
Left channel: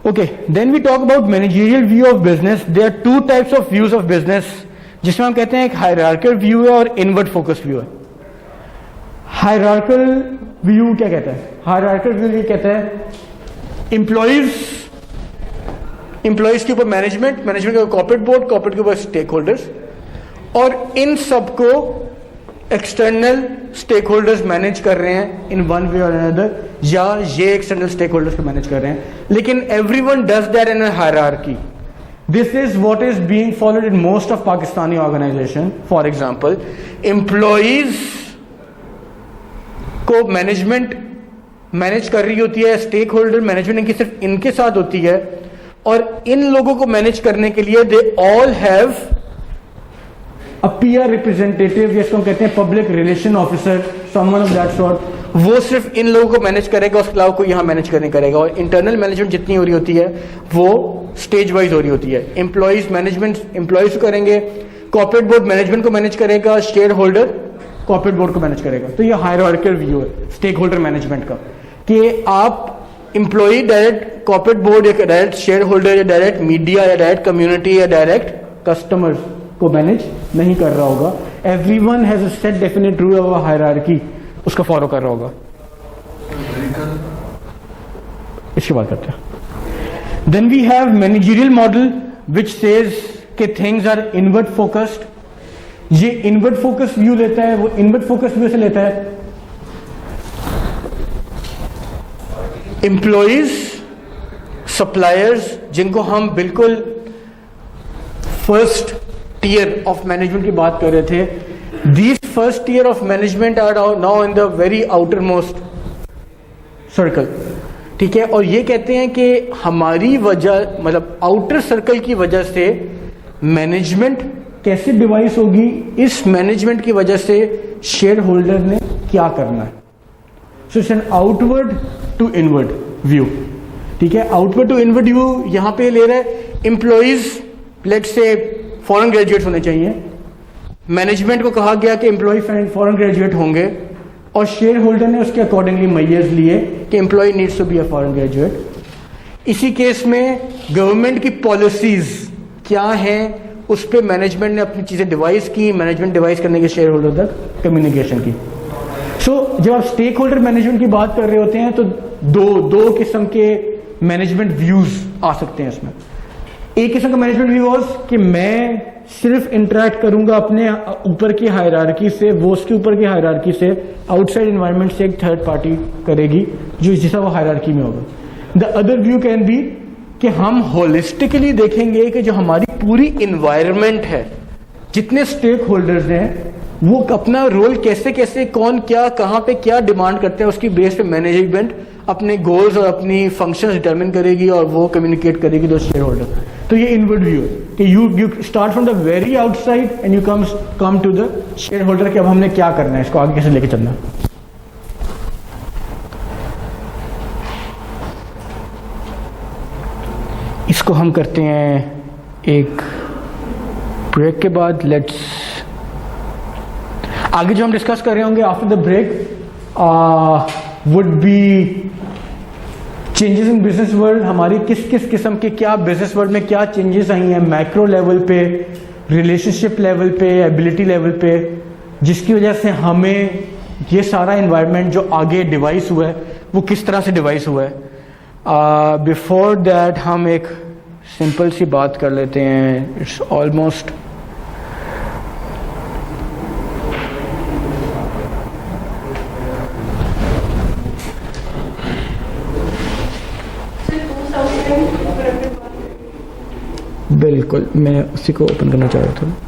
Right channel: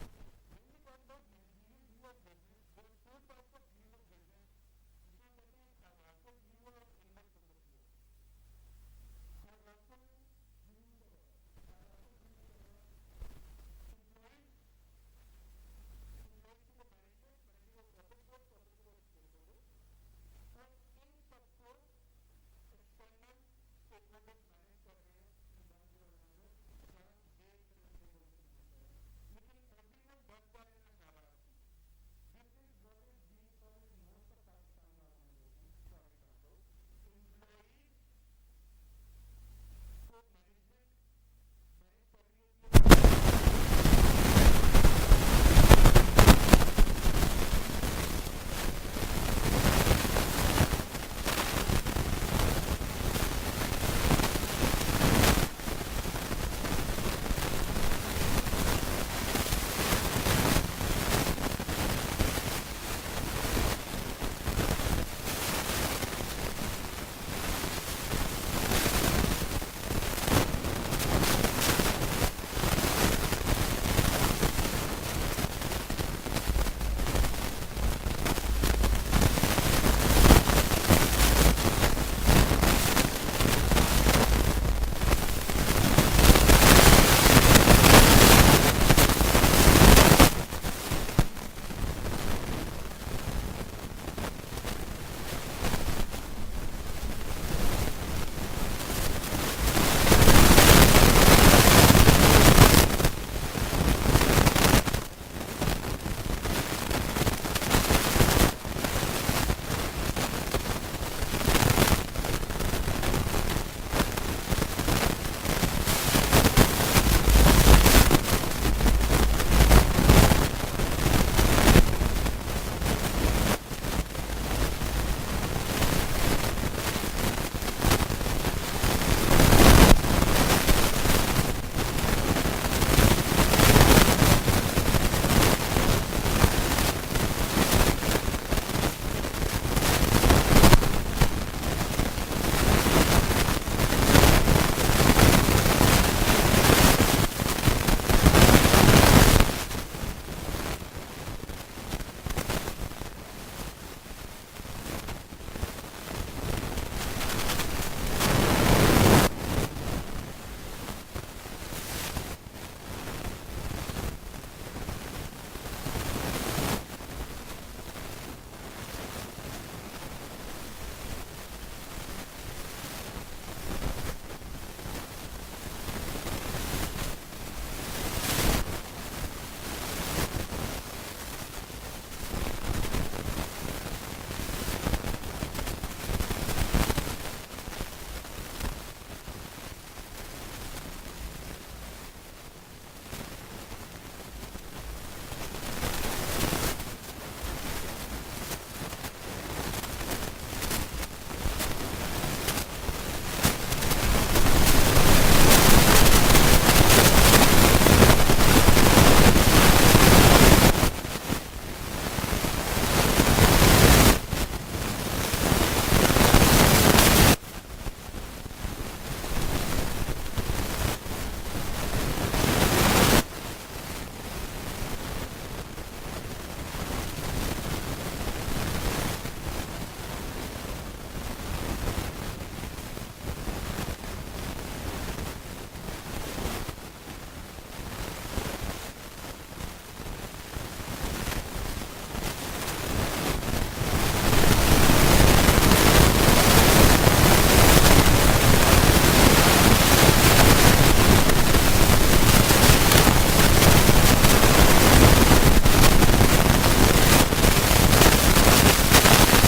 Okay, then we talk about managerial view of business. There are 2 types of views of business, जिसमें हम कहते हैं एक हायरार्किकल व्यू है और इनवर्ड फोकस व्यू है। हायरार्किकल व्यू क्या कहता है? हायरार्किकल व्यू ये कहता है एम्प्लॉइज के ऊपर मैनेजमेंट के ऊपर कॉर्पोरेट बोर्ड, कॉर्पोरेट के ऊपर स्टेक होल्डर्स, और इन सबको एक्सटर्नल स्टेक होल्डर्स मैनेज कर रहे हैं इन वन वे और अनदर, या ये एक्सटर्नल स्टेक होल्डर्स को मैनेज कर रहे हैं, लेकिन everyone does that in a hierarchy. This is what is being followed in most of Pakistani organization. For example, employees को मैनेजमेंट मैनेज कर रही होती है, स्टेक होल्डर मैनेजमेंट इनकी सिर्फ इनके साथ होती है, और इन लोगों को मैनेज करने के लिए they all have a PR representative, जिसको हम कहते हैं public relation officer, someone of that sort, वो सिर्फ इन लोगों को मैनेज करेगा, उसके अलावा कोई यहाँ मैनेज करने करेगा। और इंटरनल मैनेजमेंट जितनी हो रही होती है वो स्टेज वाइज हो रही होती है। एम्प्लॉयज़ मैनेजमेंट एम्प्लॉयज़ को करेंगे, कॉर्पोरेट बोर्ड मैनेजमेंट को मैनेज करेगा, शेयर होल्डर कॉर्पोरेट बोर्ड को मैनेज करेगा। तो ये हायरार्किकल व्यू है स्टेक होल्डर मैनेजमेंट का, कि आप एम्प्लॉई डायरेक्ट कॉर्पोरेट बोर्ड या डायरेक्ट शेयर होल्डर या डायरेक्ट मीडिया या डायरेक्ट कम्युनिटी या डायरेक्ट कस्टमर्स को मैनेज नहीं कर रहा होगा। Everyone has a set definite rule of hierarchy, उसका फॉलो कर रहा होगा। इसके बाद then we have managerial model which says कि थिंग्स आर इनवर्ड फोकस्ड। ये इनवर्ड फोकस व्यू लेता है, वो इनवर्ड फोकस व्यू से लेता है एम्प्लॉयज, सप्लायर्स, जिनको हम बिल्कुल फर्स्ट टियर ऑफ मैनेजमेंट की बात कर रहे थे, these first tier of management are now in the very outermost circle, ठीक है। और ये कहते हैं कि हमारी वजह, मतलब आउटर सर्कल की वजह से मैनेजमेंट कैसे डिवाइस होगी, इस मैनेजमेंट की वजह से शेयर होल्डर ने क्या करना है। तो it's an outward to inward view, ठीक है। आउटवर्ड टू इनवर्ड व्यू यहाँ पे ले रहा है employees, let's say foreign graduate होने चाहिए। मैनेजमेंट को कहा गया कि एम्प्लॉय फॉरेन ग्रेजुएट होंगे, और शेयर होल्डर ने उसके अकॉर्डिंगली मेजर्स लिए कि employ needs to be a foreign graduate. इसी केस में गवर्नमेंट की पॉलिसीज़ क्या हैं, उस पर मैनेजमेंट ने अपनी चीज़ें डिवाइस की, मैनेजमेंट डिवाइस करने के शेयर होल्डर तक कम्युनिकेशन की। जब आप स्टेक होल्डर मैनेजमेंट की बात कर रहे होते हैं तो दो किस्म के मैनेजमेंट व्यूज़ आ सकते हैं इसमें। एक किस्म का मैनेजमेंट व्यू कि मैं सिर्फ इंटरेक्ट करूंगा अपने ऊपर की हायरार्की से, वो उसके ऊपर की हायरार्की से, आउटसाइड इन्वायरमेंट से एक थर्ड पार्टी करेगी जो जैसा वो हायरार्की में होगा। The other view can be कि हम होलिस्टिकली देखेंगे कि जो हमारी पूरी इन्वायरमेंट है, जितने स्टेक होल्डर्स हैं, वो अपना रोल कैसे कैसे, कौन क्या, कहाँ पे क्या डिमांड करते हैं, उसकी बेस पे मैनेजमेंट अपने गोल्स और अपनी फंक्शंस डिटरमिन करेगी और वो कम्युनिकेट करेगी दो शेयर होल्डर। तो ये इनवर्ड व्यू है कि you start from the very outside and you come to the shareholder कि अब हमने क्या करना है, इसको आगे कैसे लेके चलना है। इसको हम करते हैं एक ब्रेक के बाद। लेट्स आगे जो हम डिस्कस कर रहे होंगे after the break would be changes in business world. हमारी किस किस किस्म के क्या बिजनेस वर्ल्ड में क्या चेंजेस आई हैं, मैक्रो लेवल पे, रिलेशनशिप लेवल पे, एबिलिटी लेवल पे, जिसकी वजह से हमें ये सारा इन्वायरमेंट जो आगे डिवाइस हुआ है वो किस तरह से डिवाइस हुआ है। बिफोर दैट हम एक सिंपल सी बात कर लेते हैं। इट्स ऑलमोस्ट बिल्कुल मैं किसी को समझना चाह रहा हूँ।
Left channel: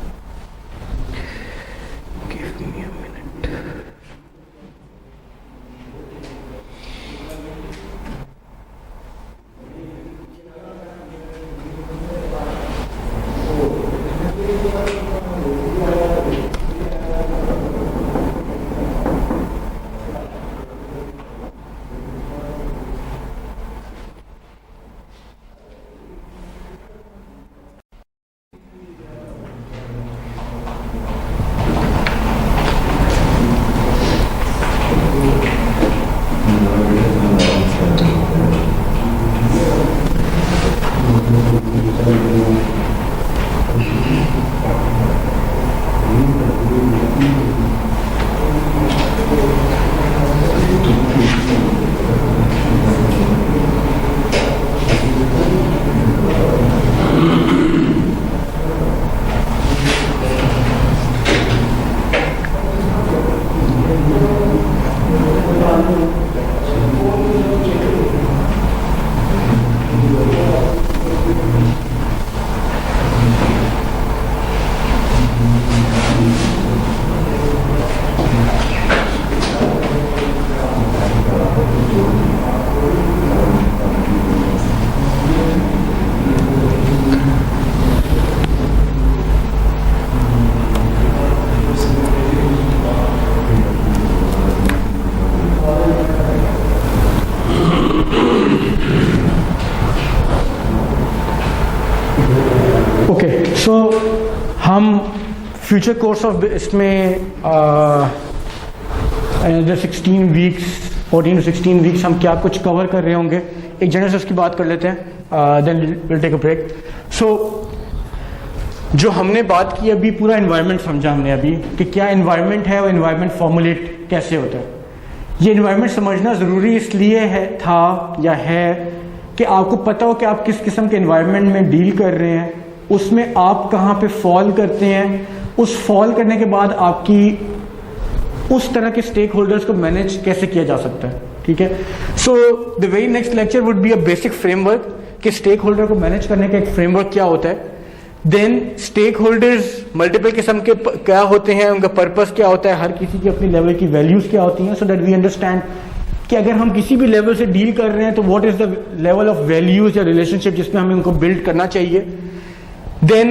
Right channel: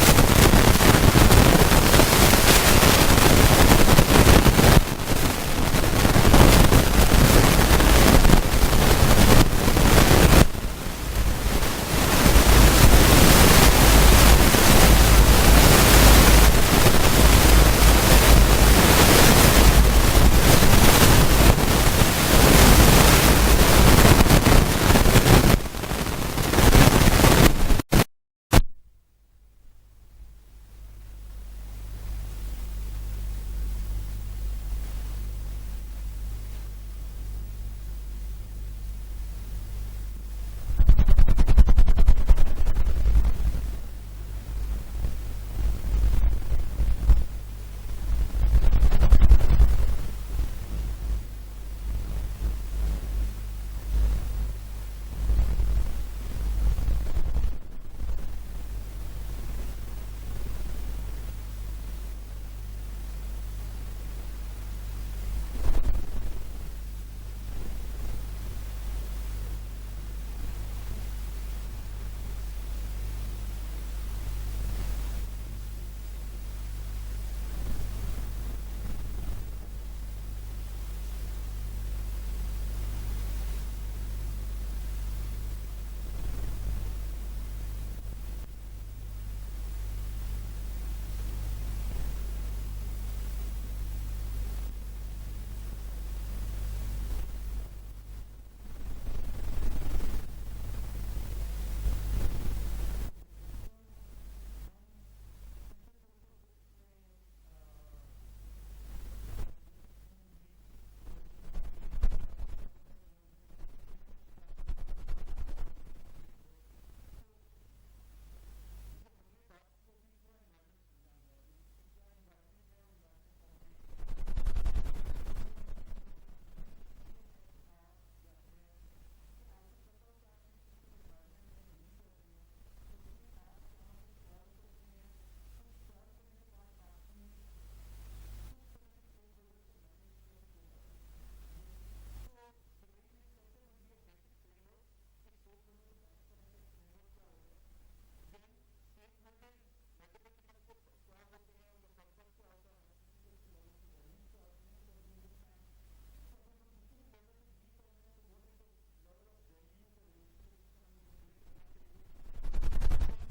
सो हम फ्यूचर कोर्स ऑफ इसमें 16 वीक्स 14 to 16 वीक्स हम क्या कुछ कवर कर रहे होंगे, एक जनरल से उसकी बात कर लेते हैं, then will take a break. So जो हमने बात की अभी, पूरा एनवायरनमेंट समझा हमने अभी कि क्या एनवायरनमेंट है और एनवायरनमेंट फॉर्मुलेट कैसे होता है। ये एनवायरनमेंट समझना ज़रूरी इसलिए था कि आपको पता हो कि आप किस किस्म के एनवायरनमेंट में डील कर रहे हैं, उसमें आप कहाँ पे फॉल करते हैं, उस फॉल करने के बाद आपकी उस तरह के स्टेक होल्डर्स को मैनेज कैसे किया जा सकता है। ठीक है, so the very next lecture would be a basic framework कि स्टेक होल्डर को मैनेज करने का एक फ्रेमवर्क क्या होता है। देन स्टेक होल्डर्स मल्टीपल किस्म के क्या होते हैं, उनका पर्पस क्या होता है, हर किसी की अपनी लेवल की वैल्यूज क्या होती हैं, सो दैट वी अंडरस्टैंड कि अगर हम किसी भी लेवल से डील कर रहे हैं तो what is the level of values या रिलेशनशिप जिसमें हमें उनको बिल्ड करना चाहिए। देन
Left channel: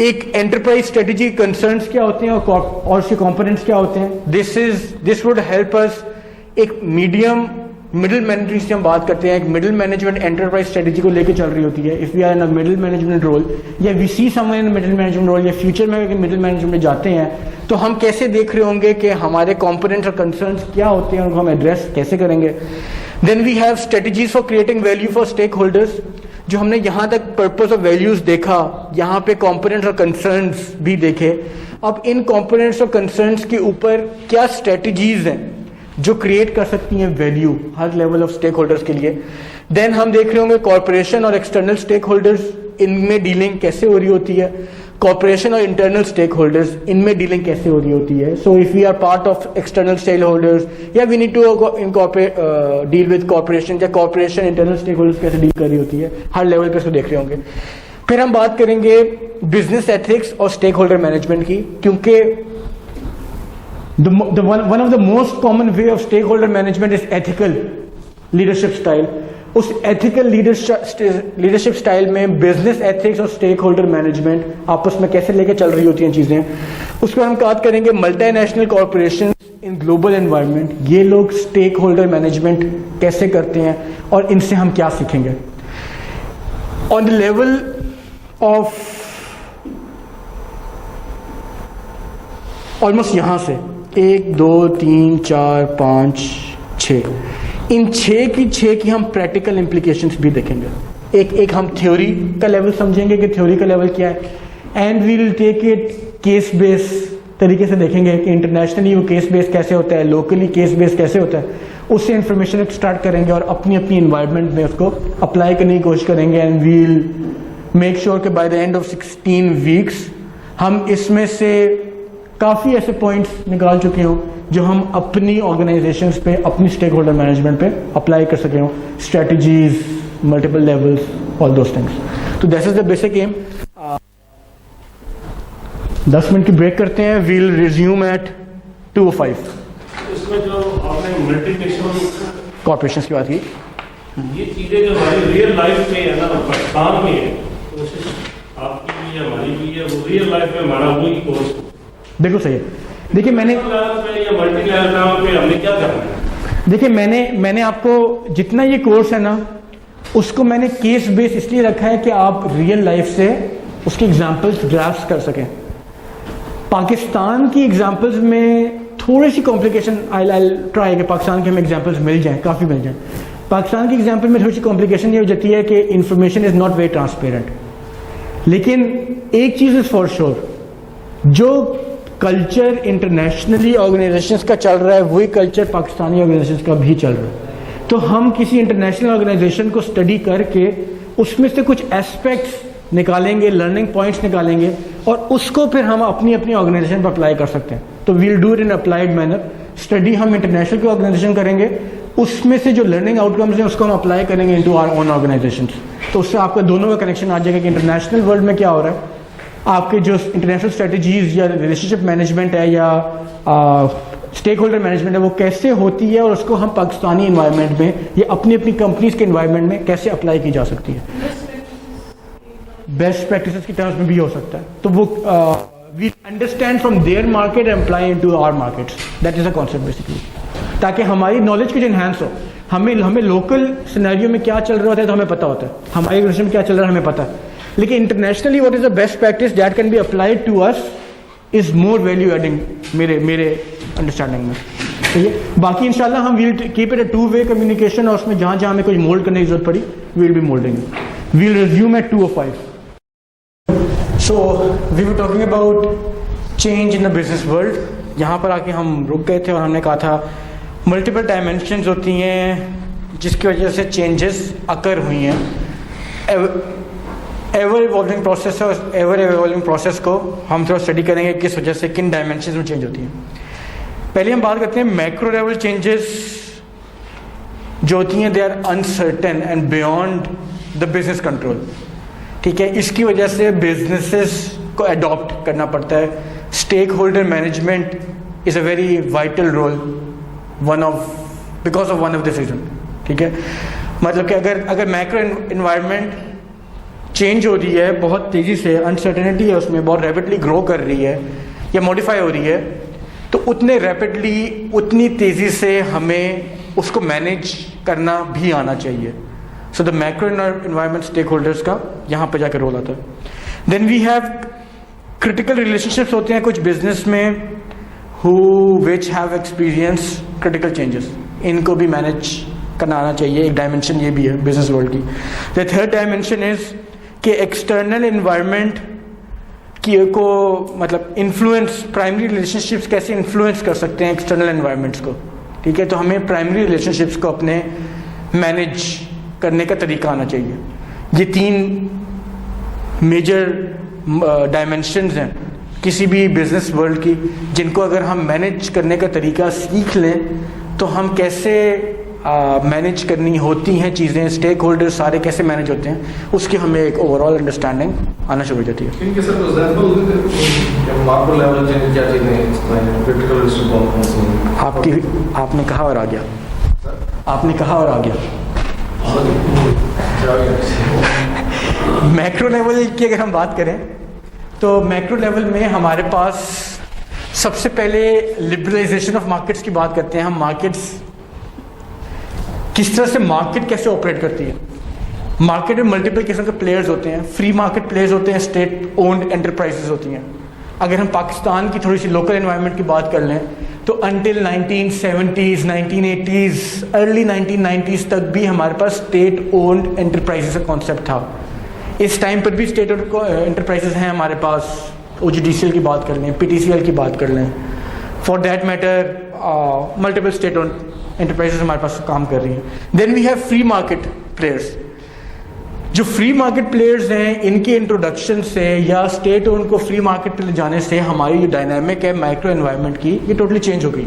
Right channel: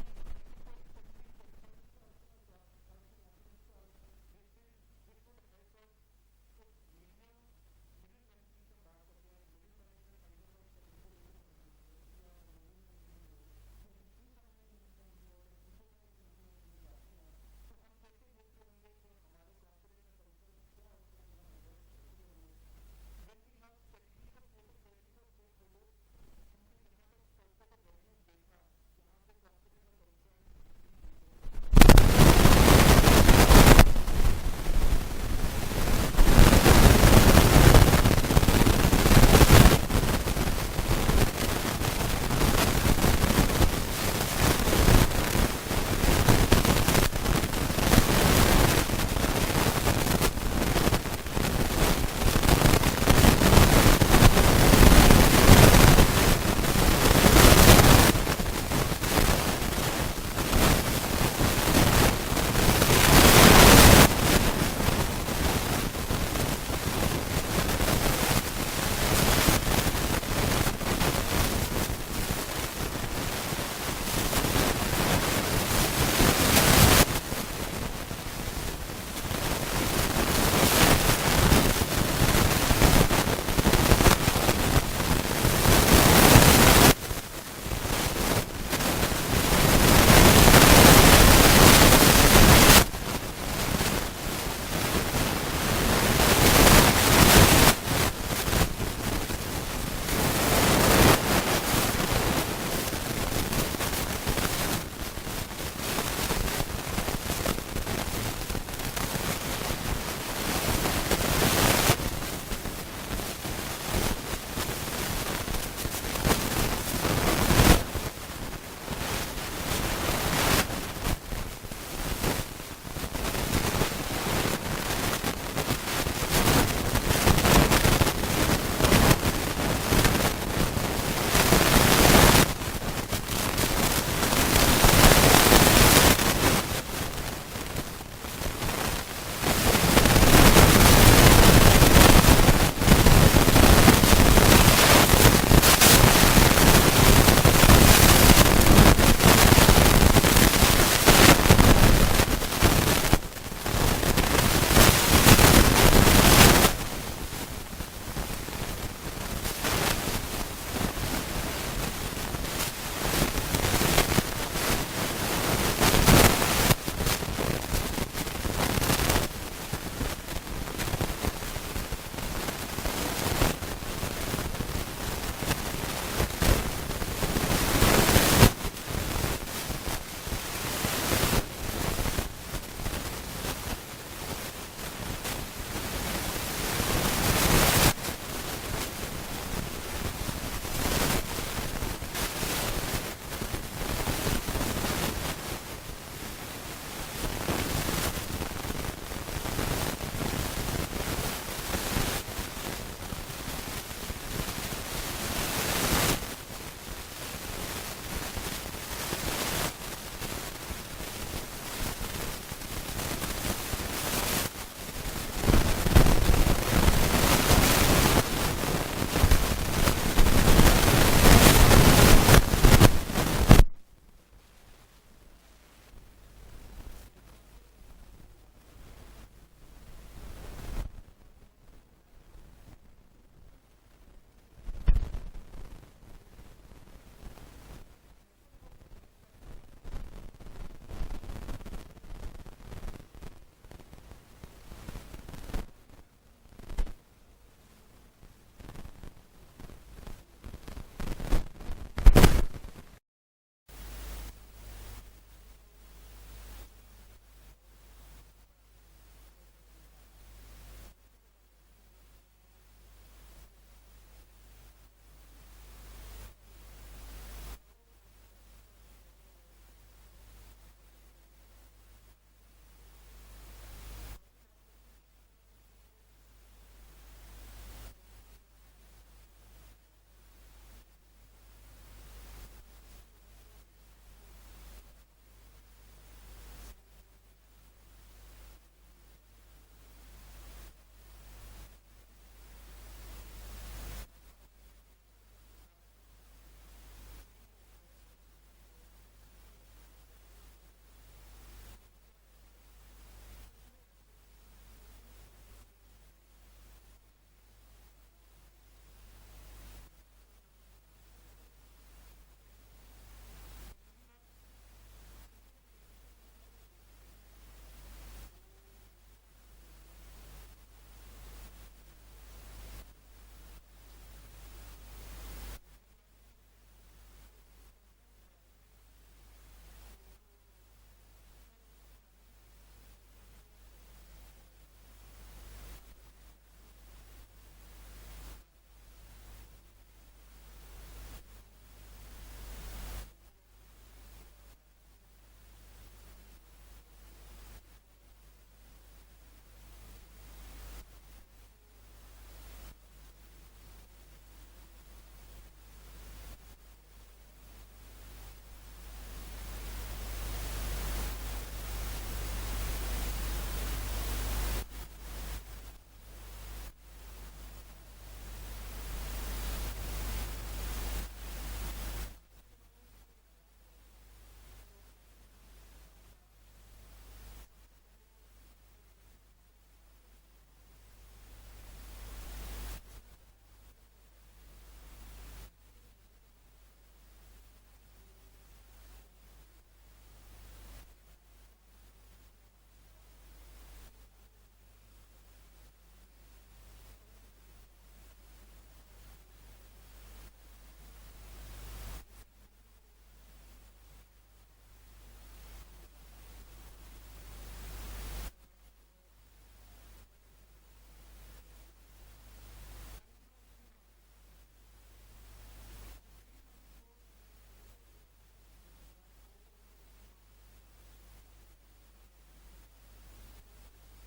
एक एंटरप्राइज स्ट्रेटेजी कंसर्न्स क्या होते हैं और उसके कंपोनेंट्स क्या होते हैं। दिस वुड हेल्प अस एक मिडिल मैनेजमेंट से हम बात करते हैं, एक मिडिल मैनेजमेंट एंटरप्राइज स्ट्रेटेजी को लेकर चल रही होती है। If we are in a middle management role या we see someone in middle management role या फ्यूचर में अगर मिडिल मैनेजमेंट में जाते हैं तो हम कैसे देख रहे होंगे कि हमारे कंपोनेंट्स और कंसर्न्स क्या होते हैं, उनको हम एड्रेस कैसे करेंगे। Then we have strategies for creating value for stakeholders. जो हमने यहाँ तक पर्पस ऑफ वैल्यूज देखा, यहाँ पे कंपोनेंट्स और कंसर्न्स भी देखे। अब इन कंपोनेंट्स और कंसर्न्स के ऊपर क्या स्ट्रेटजीज हैं जो क्रिएट कर सकती हैं वैल्यू हर लेवल ऑफ स्टेक होल्डर्स के लिए। देन हम देख रहे होंगे कॉर्पोरेशन और एक्सटर्नल स्टेक होल्डर्स, इनमें डीलिंग कैसे हो रही होती है। कॉर्पोरेशन और इंटरनल स्टेक होल्डर्स, इनमें डीलिंग कैसे हो रही होती है। So if we are part of external stakeholders या we need to incorporate deal with corporation, या कॉर्पोरेशन इंटरनल स्टेक होल्डर्स कैसे डील कर रही होती है, हर लेवल पे से देख रहे होंगे। फिर हम बात करेंगे बिजनेस एथिक्स और स्टेक होल्डर मैनेजमेंट की, क्योंकि one of the most common way of stakeholder management is ethical leadership style। उस ethical leadership style में business ethics और stakeholder management आपस में कैसे लेके चल रही होती हैं चीज़ें, उसको हम बात करेंगे। multinational corporation in global environment, ये लोग stakeholder management कैसे करते हैं और इनसे हम क्या सीखेंगे। on the level of almost यहाँ से 1 2 3 4 5 6, इन 6 की हम प्रैक्टिकल इम्प्लीकेशंस भी देखेंगे। एक हम थ्योरी का लेवल समझेंगे कि थ्योरी का लेवल क्या है, and we will take it case base तरीके से देखेंगे कि इंटरनेशनली वो केस बेस कैसे होता है, लोकली केस बेस कैसे होता है। उससे इंफॉर्मेशन स्टार्ट करेंगे और अपनी इन्वायरमेंट में उसको अप्लाई करने की कोशिश करेंगे। And we will make sure कि by the end of 16 weeks हम इसमें से काफ़ी ऐसे पॉइंट्स निकाल चुके हों जो हम अपनी ऑर्गेनाइजेशंस पे, अपनी स्टेक होल्डर मैनेजमेंट पे अप्लाई कर सके हों, strategies, multiple levels, all those things. तो this is the basic aim. 10 minute की ब्रेक करते हैं, वील रिज्यूम एट 2:05 कॉर्पोरेशन के बाद। देखो सही है, देखिए मैंने आपको जितना ये कोर्स है ना, उसको मैंने केस बेस इसलिए रखा है कि आप रियल लाइफ से उसके एग्जांपल्स ग्रास्प कर सकें। पाकिस्तान की एग्जांपल्स में थोड़ी सी कॉम्प्लिकेशन, आई ट्राई कि पाकिस्तान के हमें एग्जांपल्स मिल जाएं, काफ़ी मिल जाएं। पाकिस्तान की एग्जांपल में थोड़ी सी कॉम्प्लिकेशन ये हो जाती है कि information is not very transparent. लेकिन एक चीज़ इज़ फॉर श्योर, जो कल्चर इंटरनेशनली ऑर्गेनाइजेशंस का चल रहा है वही कल्चर पाकिस्तानी ऑर्गेनाइजेशंस का भी चल रहा है। तो हम किसी इंटरनेशनल ऑर्गेनाइजेशन को स्टडी करके उसमें से कुछ एस्पेक्ट्स निकालेंगे, लर्निंग पॉइंट्स निकालेंगे और उसको फिर हम अपनी ऑर्गेनाइजेशन पर अप्लाई कर सकते हैं। तो we'll do it in applied manner. Study हम इंटरनेशनल की ऑर्गेनाइजेशन करेंगे, उसमें से जो लर्निंग आउटकम्स हैं उसको हम अप्लाई करेंगे इनटू आवर ओन ऑर्गेनाइजेशन। तो उससे आपका दोनों का कनेक्शन आ जाएगा कि इंटरनेशनल वर्ल्ड में क्या हो रहा है, आपके जो इंटरनेशनल स्ट्रेटजीज या रिलेशनशिप मैनेजमेंट है या स्टेक होल्डर मैनेजमेंट है वो कैसे होती है और उसको हम पाकिस्तानी इन्वायरमेंट में या अपनी कंपनीज के इन्वायरमेंट में कैसे अप्लाई की जा सकती है। बेस्ट प्रैक्टिसेस की टर्म्स में भी हो सकता है। तो वो we understand from there market and apply into our markets, that is a concept basically, ताकि हमारी नॉलेज कुछ इन्हांस हो। हमें लोकल सिनेरियो में क्या चल रहा होता है तो हमें पता होता है, हमारे ऑर्गेनाइजेशन में क्या चल रहा है हमें पता है। लेकिन internationally what is the best practice that can be applied to us is more value adding मेरे अंडरस्टैंडिंग में, ठीक है। बाकी इंशाल्लाह हम will keep it a two way communication, और उसमें जहाँ जहाँ हमें कुछ मोल्ड करने की जरूरत पड़ी will be moulding, will resume at 2:05। So we were talking about change in the business world. यहाँ पर आके हम रुक गए थे और हमने कहा था मल्टीपल डायमेंशंस होती हैं जिसकी वजह से चेंजेस अकर हुई हैं। एवर इवॉल्विंग प्रोसेस और एवर इवॉल्विंग प्रोसेस को हम थोड़ा स्टडी करेंगे किस वजह से किन डायमेंशंस में चेंज होती हैं। पहले हम बात करते हैं मैक्रो लेवल चेंजेस जो होती हैं, they are uncertain and beyond the business control, ठीक है। इसकी वजह से बिजनेसेस को अडॉप्ट करना पड़ता है। Stakeholder management is a very vital role because of one of this reason, ठीक है। मतलब कि अगर मैक्रो इन्वायरमेंट चेंज हो रही है बहुत तेज़ी से, अनसर्टेनिटी है उसमें, बहुत रैपिडली ग्रो कर रही है या मॉडिफाई हो रही है, तो उतने रैपिडली उतनी तेज़ी से हमें उसको मैनेज करना भी आना चाहिए। So the macro environment stakeholders का यहाँ पर जाकर रोल आता है। Then we have critical relationships होते हैं कुछ बिजनेस में who which have experience critical changes, इनको भी मैनेज करना आना चाहिए। एक डायमेंशन ये भी है बिजनेस वर्ल्ड की। द थर्ड डायमेंशन इज कि एक्सटर्नल इन्वायरमेंट की को मतलब इन्फ्लुएंस, प्राइमरी रिलेशनशिप्स कैसे इन्फ्लुएंस कर सकते हैं एक्सटर्नल इन्वायरमेंट्स को, ठीक है। तो हमें प्राइमरी रिलेशनशिप्स को अपने मैनेज करने का तरीका आना चाहिए। ये 3 मेजर डायमेंशंस हैं किसी भी बिजनेस वर्ल्ड की, जिनको अगर हम मैनेज करने का तरीका सीख लें तो हम कैसे मैनेज करनी होती हैं चीज़ें, स्टेक होल्डर सारे कैसे मैनेज होते हैं, उसकी हमें एक ओवरऑल अंडरस्टैंडिंग आना शुरू हो जाती है। इनके sir example Marco level change क्या चीज़ें एक्सप्लेन क्रिटिकल रिस्क कॉम्पोनेंट्स आपने कहा और आ गया, आपने कहा और आ गया। मैक्रो लेवल की अगर हम बात करें तो मैक्रो लेवल में हमारे पास सबसे पहले लिबरलाइजेशन ऑफ मार्केट्स की बात करते हैं हम। मार्केट्स किस तरह से मार्केट कैसे ऑपरेट करती है। मार्केट में मल्टीपल किस्म के प्लेयर्स होते हैं। फ्री मार्केट प्लेयर्स होते हैं, स्टेट ओन्ड एंटरप्राइजेस होती हैं। अगर हम पाकिस्तान की थोड़ी सी लोकल एनवायरनमेंट की बात कर लें तो until 1970s 1980s early 1990s तक भी हमारे पास स्टेट ओन्ड एंटरप्राइजेस का कॉन्सेप्ट था। इस टाइम पर भी स्टेट एंटरप्राइजेस हैं हमारे पास। OGDCL की बात कर लें, PTCL की बात कर लें, for that matter multiple state owned enterprises हमारे पास काम कर रही हैं। Then we have free market players. जो फ्री मार्केट प्लेयर्स हैं इनके इंट्रोडक्शन से या स्टेट ओन को फ्री मार्केट पे ले जाने से हमारी जो डायनामिक है माइक्रो एनवायरनमेंट की ये टोटली चेंज हो गई।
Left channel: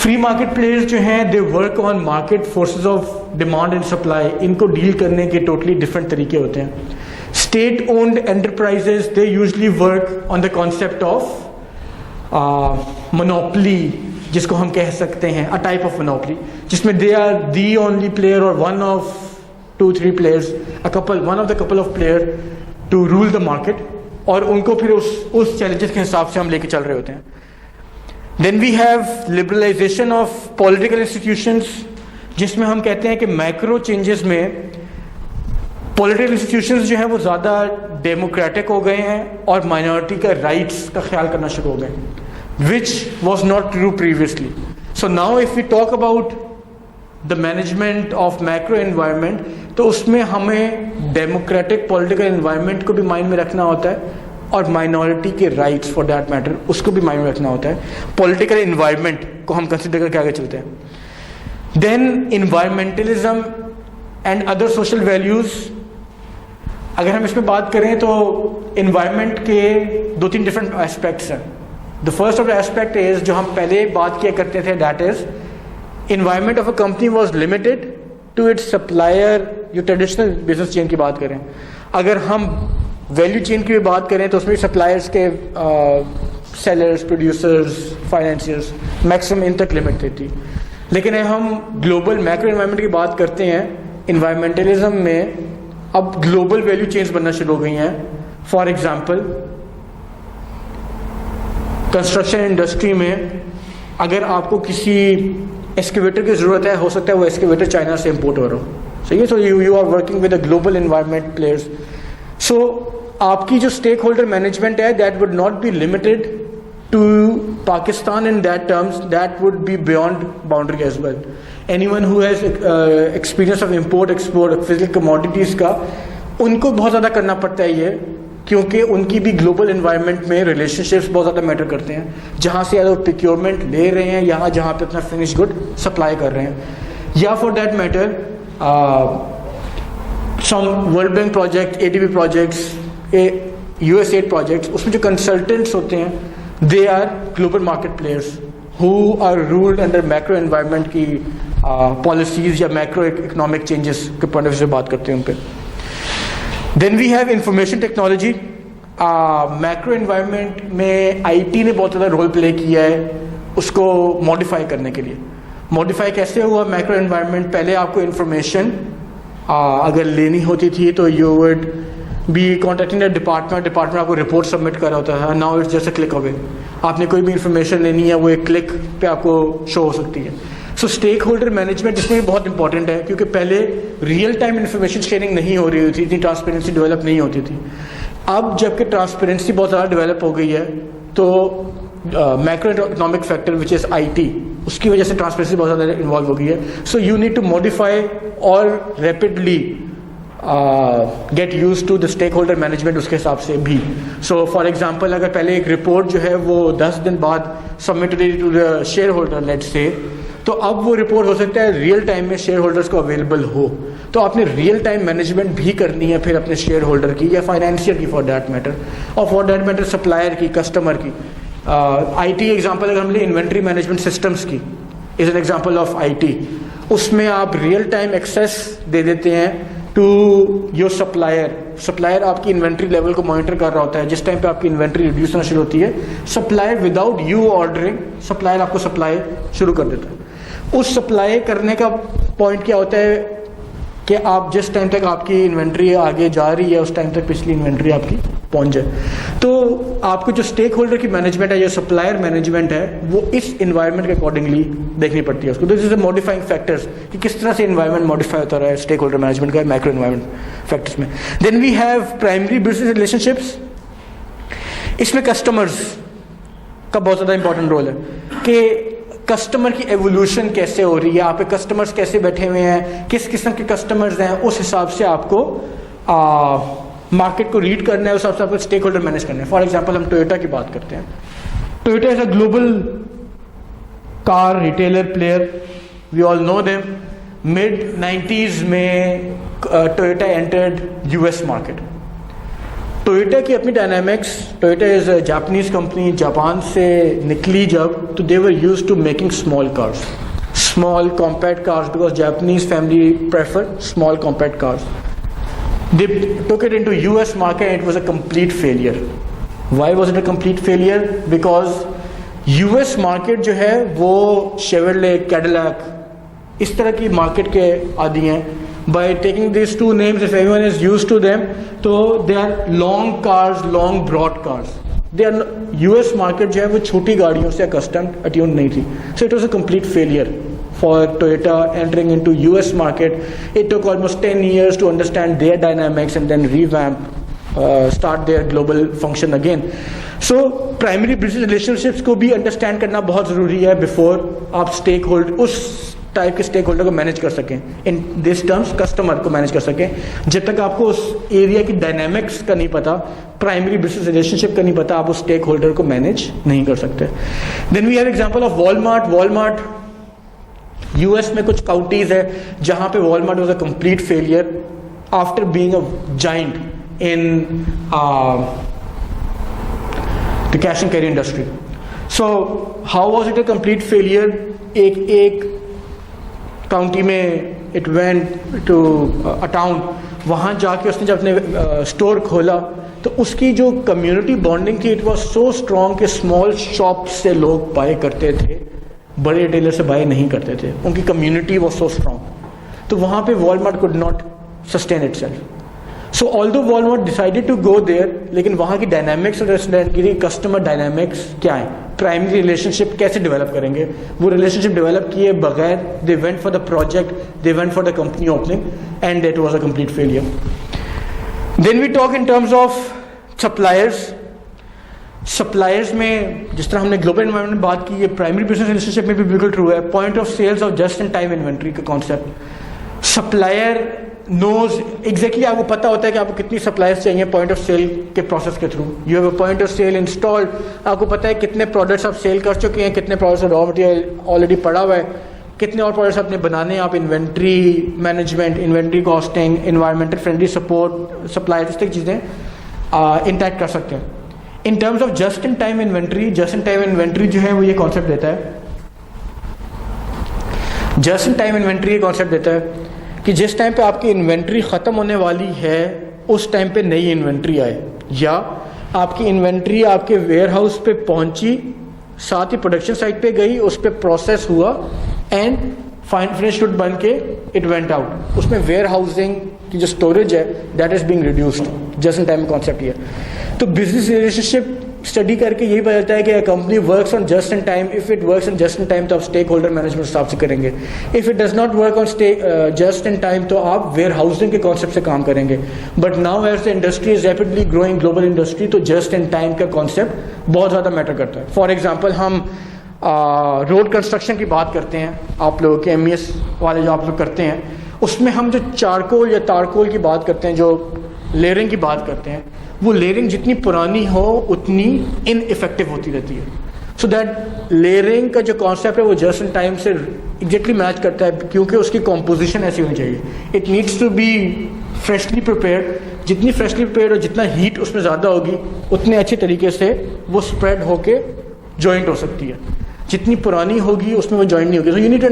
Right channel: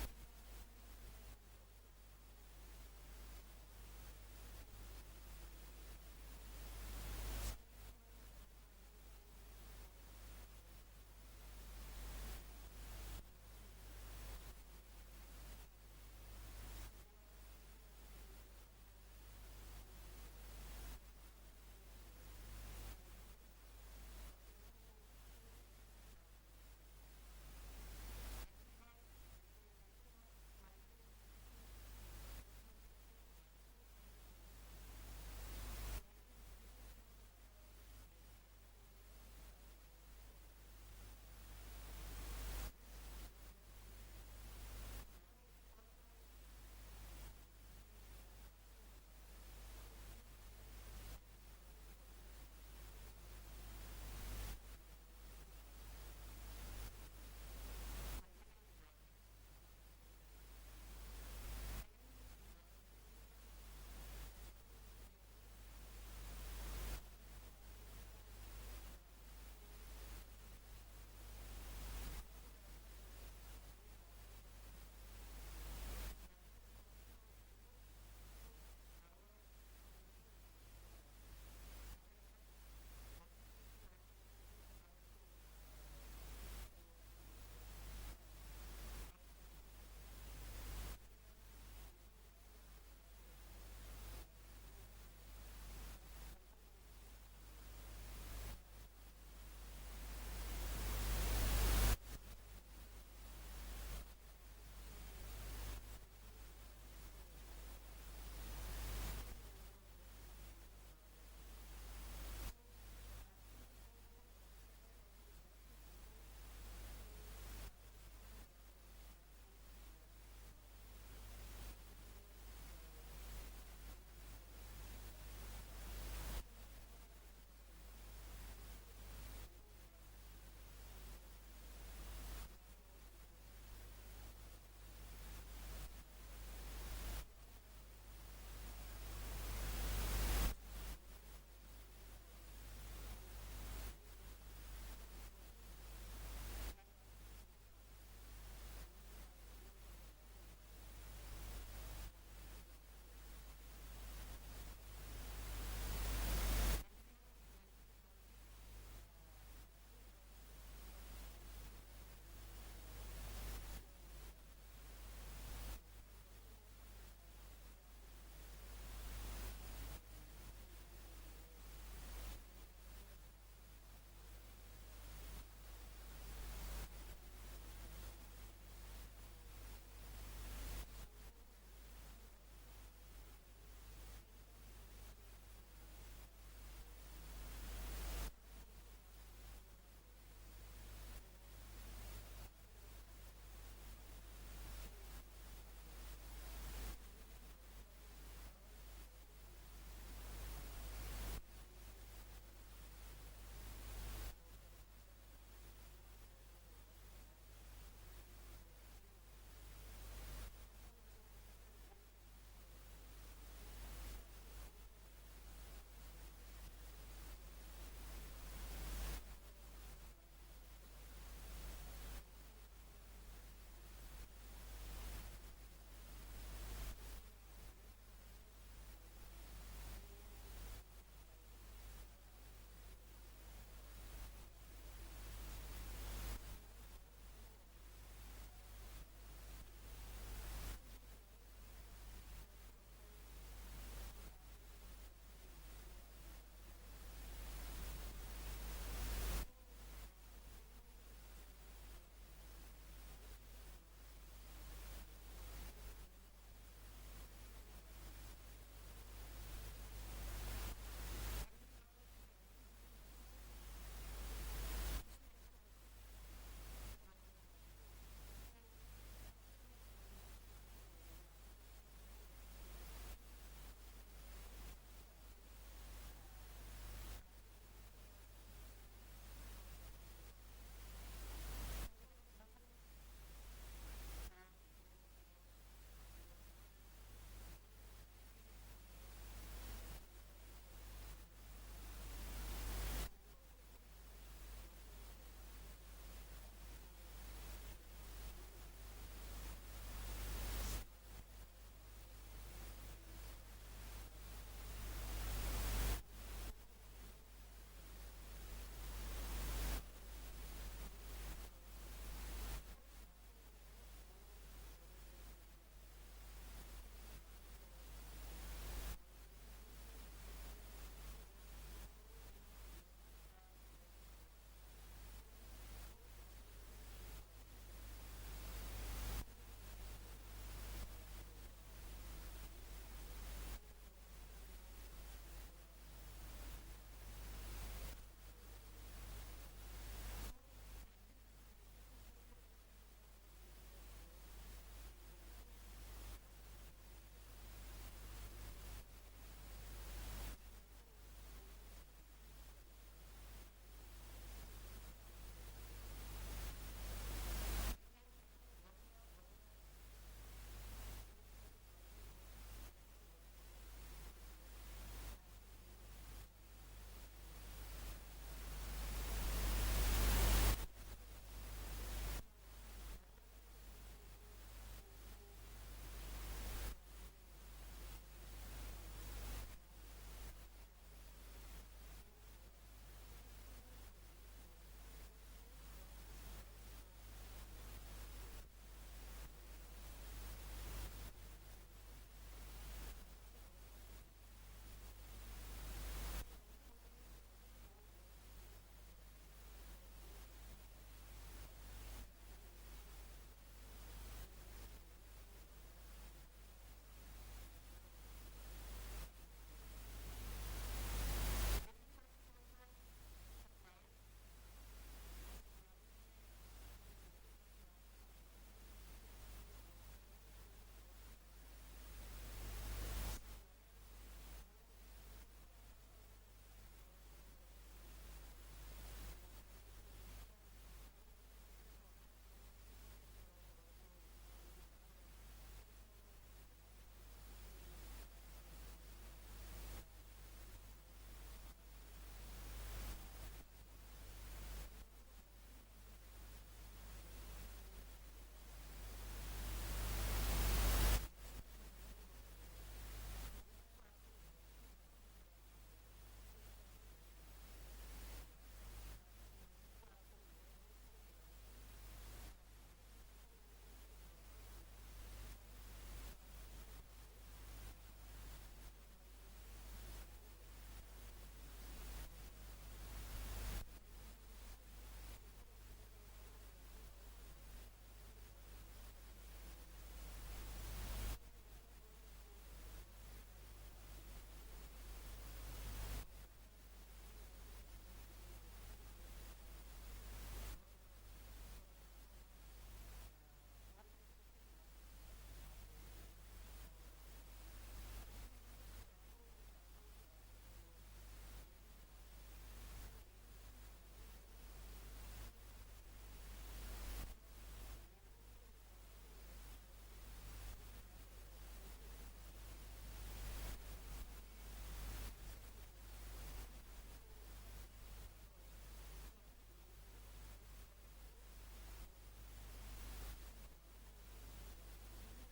फ्री मार्केट प्लेयर्स जो हैं they work on market forces of demand and supply. इनको डील करने के टोटली डिफरेंट तरीके होते हैं। State owned enterprises they usually work on the concept of monopoly, जिसको हम कह सकते हैं अ टाइप ऑफ मोनोपली, जिसमें they are the only player और one of 2-3 players, one of the couple of player to rule the market, और उनको फिर उस challenges के हिसाब से हम लेके चल रहे होते हैं। Then we have liberalization of political institutions, जिसमें हम कहते हैं कि macro changes में political institutions जो हैं वो ज़्यादा democratic हो गए हैं और minority का rights का ख्याल करना शुरू हो गए, which was not true previously. So now if we talk about the management of macro environment, तो उसमें हमें डेमोक्रेटिक पॉलिटिकल एनवायरनमेंट को भी माइंड में रखना होता है और माइनॉरिटी के राइट्स फॉर दैट मैटर उसको भी माइंड में रखना होता है। पॉलिटिकल एनवायरनमेंट को हम कंसिडर करके आगे चलते हैं। Then environmentalism and other social values. अगर हम इसमें बात करें तो इन्वायरमेंट के 2-3 डिफरेंट एस्पेक्ट्स हैं। The first of the aspect is जो हम पहले बात किया करते थे, that is environment of a company was limited to its supplier। जो ट्रेडिशनल बिजनेस चेन की बात करें, अगर हम वैल्यू चेन की भी बात करें तो उसमें सप्लायर्स के sellers, producers, financiers maximum in तक लिमिट थी। लेकिन हम ग्लोबल मैक्रो एनवायरनमेंट की बात करते हैं, इन्वायरमेंटलिज्म में अब ग्लोबल वैल्यू चेन्स बनना शुरू हो गई हैं। फॉर एग्जाम्पल कंस्ट्रक्शन इंडस्ट्री में अगर आपको किसी एक्सकेवेटर की ज़रूरत है, हो सकता है वो एक्सकेवेटर चाइना से इम्पोर्ट हो रहा हो, सही है। So you are working with the global environment players. So आपकी जो स्टेक होल्डर मैनेजमेंट है that would not be limited to Pakistan in that terms, that would be beyond boundary as well. Anyone who has experience of import export physical commodities का, उनको बहुत ज़्यादा करना पड़ता है ये, क्योंकि उनकी भी ग्लोबल इन्वायरमेंट में रिलेशनशिप्स बहुत ज़्यादा मैटर करते हैं. जहाँ से वो प्रोक्योरमेंट ले रहे हैं या जहाँ पे अपना फिनिश गुड सप्लाई कर रहे हैं, या for that matter some World Bank project, ADB projects, USAID projects, उसमें जो कंसल्टेंट्स होते हैं they are global market players who are ruled under macro environment की पॉलिसीज़ या मैक्रो इकोनॉमिक चेंजेस के पॉइंट ऑफ व्यू से बात करते हैं उन पर. Then we have information technology. Macro environment में IT ने बहुत ज़्यादा रोल प्ले किया है उसको मॉडिफाई करने के लिए. मॉडिफाई कैसे हुआ मैक्रो एनवायरनमेंट? पहले आपको इंफॉर्मेशन अगर लेनी होती थी तो you would be contacting the department आपको रिपोर्ट सबमिट कर रहा होता था. Now it's just a click away. आपने कोई भी इंफॉर्मेशन लेनी है वो एक क्लिक पे आपको शो हो सकती है. सो स्टेक होल्डर मैनेजमेंट इसमें भी बहुत इंपॉर्टेंट है, क्योंकि पहले रियल टाइम इन्फॉर्मेशन शेयरिंग नहीं हो रही थी, इतनी ट्रांसपेरेंसी डेवलप नहीं होती थी. अब जबकि ट्रांसपेरेंसी बहुत ज़्यादा डेवलप हो गई है तो macro economic factor which is IT, उसकी वजह से ट्रांसपेरेंसी बहुत ज़्यादा इन्वॉल्व हो गई है. So you need to modify और rapidly get used to the stakeholder management उसके हिसाब से भी. सो फॉर एग्जाम्पल अगर पहले एक रिपोर्ट जो है वो 10 दिन बाद submit to the shareholder let's say, तो अब वो रिपोर्ट हो सकता है रियल टाइम में शेयर होल्डर्स को अवेलेबल हो. तो आपने रियल टाइम मैनेजमेंट भी करनी है फिर अपने शेयर होल्डर की या फाइनेंशियर की फॉर दैट मैटर, और फॉर दैट मैटर सप्लायर की, कस्टमर की. IT एग्जांपल अगर हम ले इन्वेंट्री मैनेजमेंट सिस्टम्स की is an example of IT. उसमें आप रियल टाइम एक्सेस दे देते हैं टू योर सप्लायर आपकी इन्वेंट्री लेवल को मॉनिटर कर रहा होता है. जिस टाइम पे आपकी इन्वेंट्री रिड्यूस होना शुरू होती है, supplier without you ordering supplier आपको सप्लाई शुरू कर देता है. उस सप्लाई करने का पॉइंट क्या होता है कि आप जिस टाइम तक आपकी इन्वेंट्री आगे जा रही है उस टाइम तक पिछली इन्वेंट्री आपकी पहुंच जाए. तो आपको जो स्टेक होल्डर की मैनेजमेंट है, जो सप्लायर मैनेजमेंट है, वो इस इन्वायरमेंट के अकॉर्डिंगली देखनी पड़ती है उसको. This is the modifying factors कि किस तरह से इन्वायरमेंट मॉडिफाई होता रहा है स्टेक होल्डर मैनेजमेंट का मैक्रो इन्वायरमेंट फैक्टर्स में. Then we have primary business relationships. इसमें कस्टमर्स का बहुत ज़्यादा इंपॉर्टेंट रोल है कि कस्टमर की एवोल्यूशन कैसे हो रही है, आप पे कस्टमर्स कैसे बैठे हुए हैं, किस किस्म के कस्टमर्स हैं, उस हिसाब से आपको मार्केट को रीड करना है, उस हिसाब से आपको स्टेक होल्डर मैनेज करना है. फॉर एग्जांपल हम टोयोटा की बात करते हैं. Toyota is a global car retailer player, we all know them. Mid 90s में Toyota entered US market. Toyota की अपनी dynamics, Toyota is a Japanese company, Japan से निकली जब तो they were used to making small cars, small compact cars, because Japanese family prefer small compact cars. They took it into US market and it was a complete failure. Why was it a complete failure? Because US market जो है वो Chevrolet, Cadillac इस तरह की market के आदि हैं. By taking these two names, if everyone is used to them, तो they are long cars, long broad cars. They are US market जो है वो छोटी गाड़ियों से accustomed, attuned नहीं थी. So it was a complete failure for Toyota entering into US market. It took almost 10 years to understand their dynamics and then revamp, start their global function again. So primary business relationships को भी understand करना बहुत ज़रूरी है before आप stakeholder उस type के stake holder को मैनेज कर सकें. इन दिस टर्म्स कस्टमर को मैनेज कर सकें. जब तक आपको उस एरिया की डायनामिक्स का नहीं पता, प्राइमरी बिजनेस रिलेशनशिप का नहीं पता, आप उस स्टेक होल्डर को मैनेज नहीं कर सकते. Then we have example of Walmart. US में कुछ काउंटीज है जहां पे Walmart was a complete failure after being a giant in the cash and carry industry. So how was it a complete failure? एक county में it went to a town, वहाँ जाके उसने जब अपने स्टोर खोला तो उसकी जो कम्युनिटी बॉन्डिंग थी इट वाज सो स्ट्रॉन्ग कि स्मॉल शॉप से लोग बाय करते थे, बड़े रिटेलर से बाय नहीं करते थे. उनकी कम्युनिटी वाज सो स्ट्रॉन्ग. तो वहाँ पे Walmart could not sustain itself. So although Walmart decided to go there, लेकिन वहाँ की डायनामिक्स और कस्टमर डायनामिक्स क्या है, प्राइमरी रिलेशनशिप कैसे डेवलप करेंगे, वो रिलेशनशिप डेवलप किए बगैर they went for the project, they went for the company opening and that was a complete failure. Then we talk in terms of suppliers में जिस तरह हमने ग्लोबल एनवायरनमेंट में बात की है, प्राइमरी बिजनेस रिलेशनशिप में भी बिल्कुल ट्रू है। पॉइंट ऑफ सेल्स और जस्ट इन टाइम इन्वेंट्री का कॉन्सेप्ट, सप्लायर नोज एग्जैक्टली, आपको पता होता है कि आपको कितनी सप्लायर्स चाहिए पॉइंट ऑफ सेल के प्रोसेस के through. You have a point of sale installed, आपको पता है कितने प्रोडक्ट्स आप सेल कर चुके हैं, कितने प्रोडक्ट्स रॉ मटेरियल ऑलरेडी पड़ा हुआ है, कितने और प्रोडक्ट्स आपने बनाने हैं। आप inventory management, inventory costing, environmental friendly support, supplier, इस तरह चीज़ें इंटैक्ट कर सकते हैं। इन terms of just in time inventory, just in time inventory जो है वो ये कॉन्सेप्ट देता है, जस्ट इन टाइम इन्वेंट्री ये कॉन्सेप्ट देता है कि जिस टाइम पे आपकी इन्वेंट्री ख़त्म होने वाली है उस टाइम पे नई इन्वेंट्री आए, या आपकी इन्वेंट्री आपके वेयर हाउस पे पहुंची, साथ ही प्रोडक्शन साइट पे गई, उस पे प्रोसेस हुआ एंड फाइन फिनिश गुड बन के इट वेंट आउट। उसमें वेयर हाउसिंग की जो स्टोरेज है that is being reduced. Just in time concept ये। तो बिजनेस रिलेशनशिप स्टडी करके यही पता चलता है कि company works on just in time. If it works on just in time तो आप स्टेक होल्डर मैनेजमेंट हिसाब से करेंगे। If it does not work on just in time तो आप वेयर हाउसिंग के कॉन्सेप्ट से काम करेंगे। But now as the industry is rapidly growing, global industry, तो जस्ट इन टाइम का कॉन्सेप्ट बहुत ज़्यादा मैटर करता है। फॉर एग्जाम्पल हम रोड कंस्ट्रक्शन की बात करते हैं, आप लोगों के MES वाले जो आप लोग करते हैं, उसमें हम जो चारकोल या तारकोल की बात करते हैं, जो लेयरिंग की बात करते हैं, वो लेयरिंग जितनी पुरानी हो उतनी इनइफेक्टिव होती रहती है। सो दैट लेयरिंग का जो कॉन्सेप्ट है वो जस्ट इन टाइम से एग्जैक्टली मैच करता है, क्योंकि उसकी कॉम्पोजिशन ऐसी होनी चाहिए। It needs to be freshly prepared. जितनी फ्रेशली प्रिपेयर्ड और जितना हीट उसमें ज़्यादा होगी उतने अच्छे तरीके से वो स्प्रेड होके जॉइंट हो सकती है। जितनी पुरानी होगी उसमें वो जॉइंट नहीं होगी। So you need to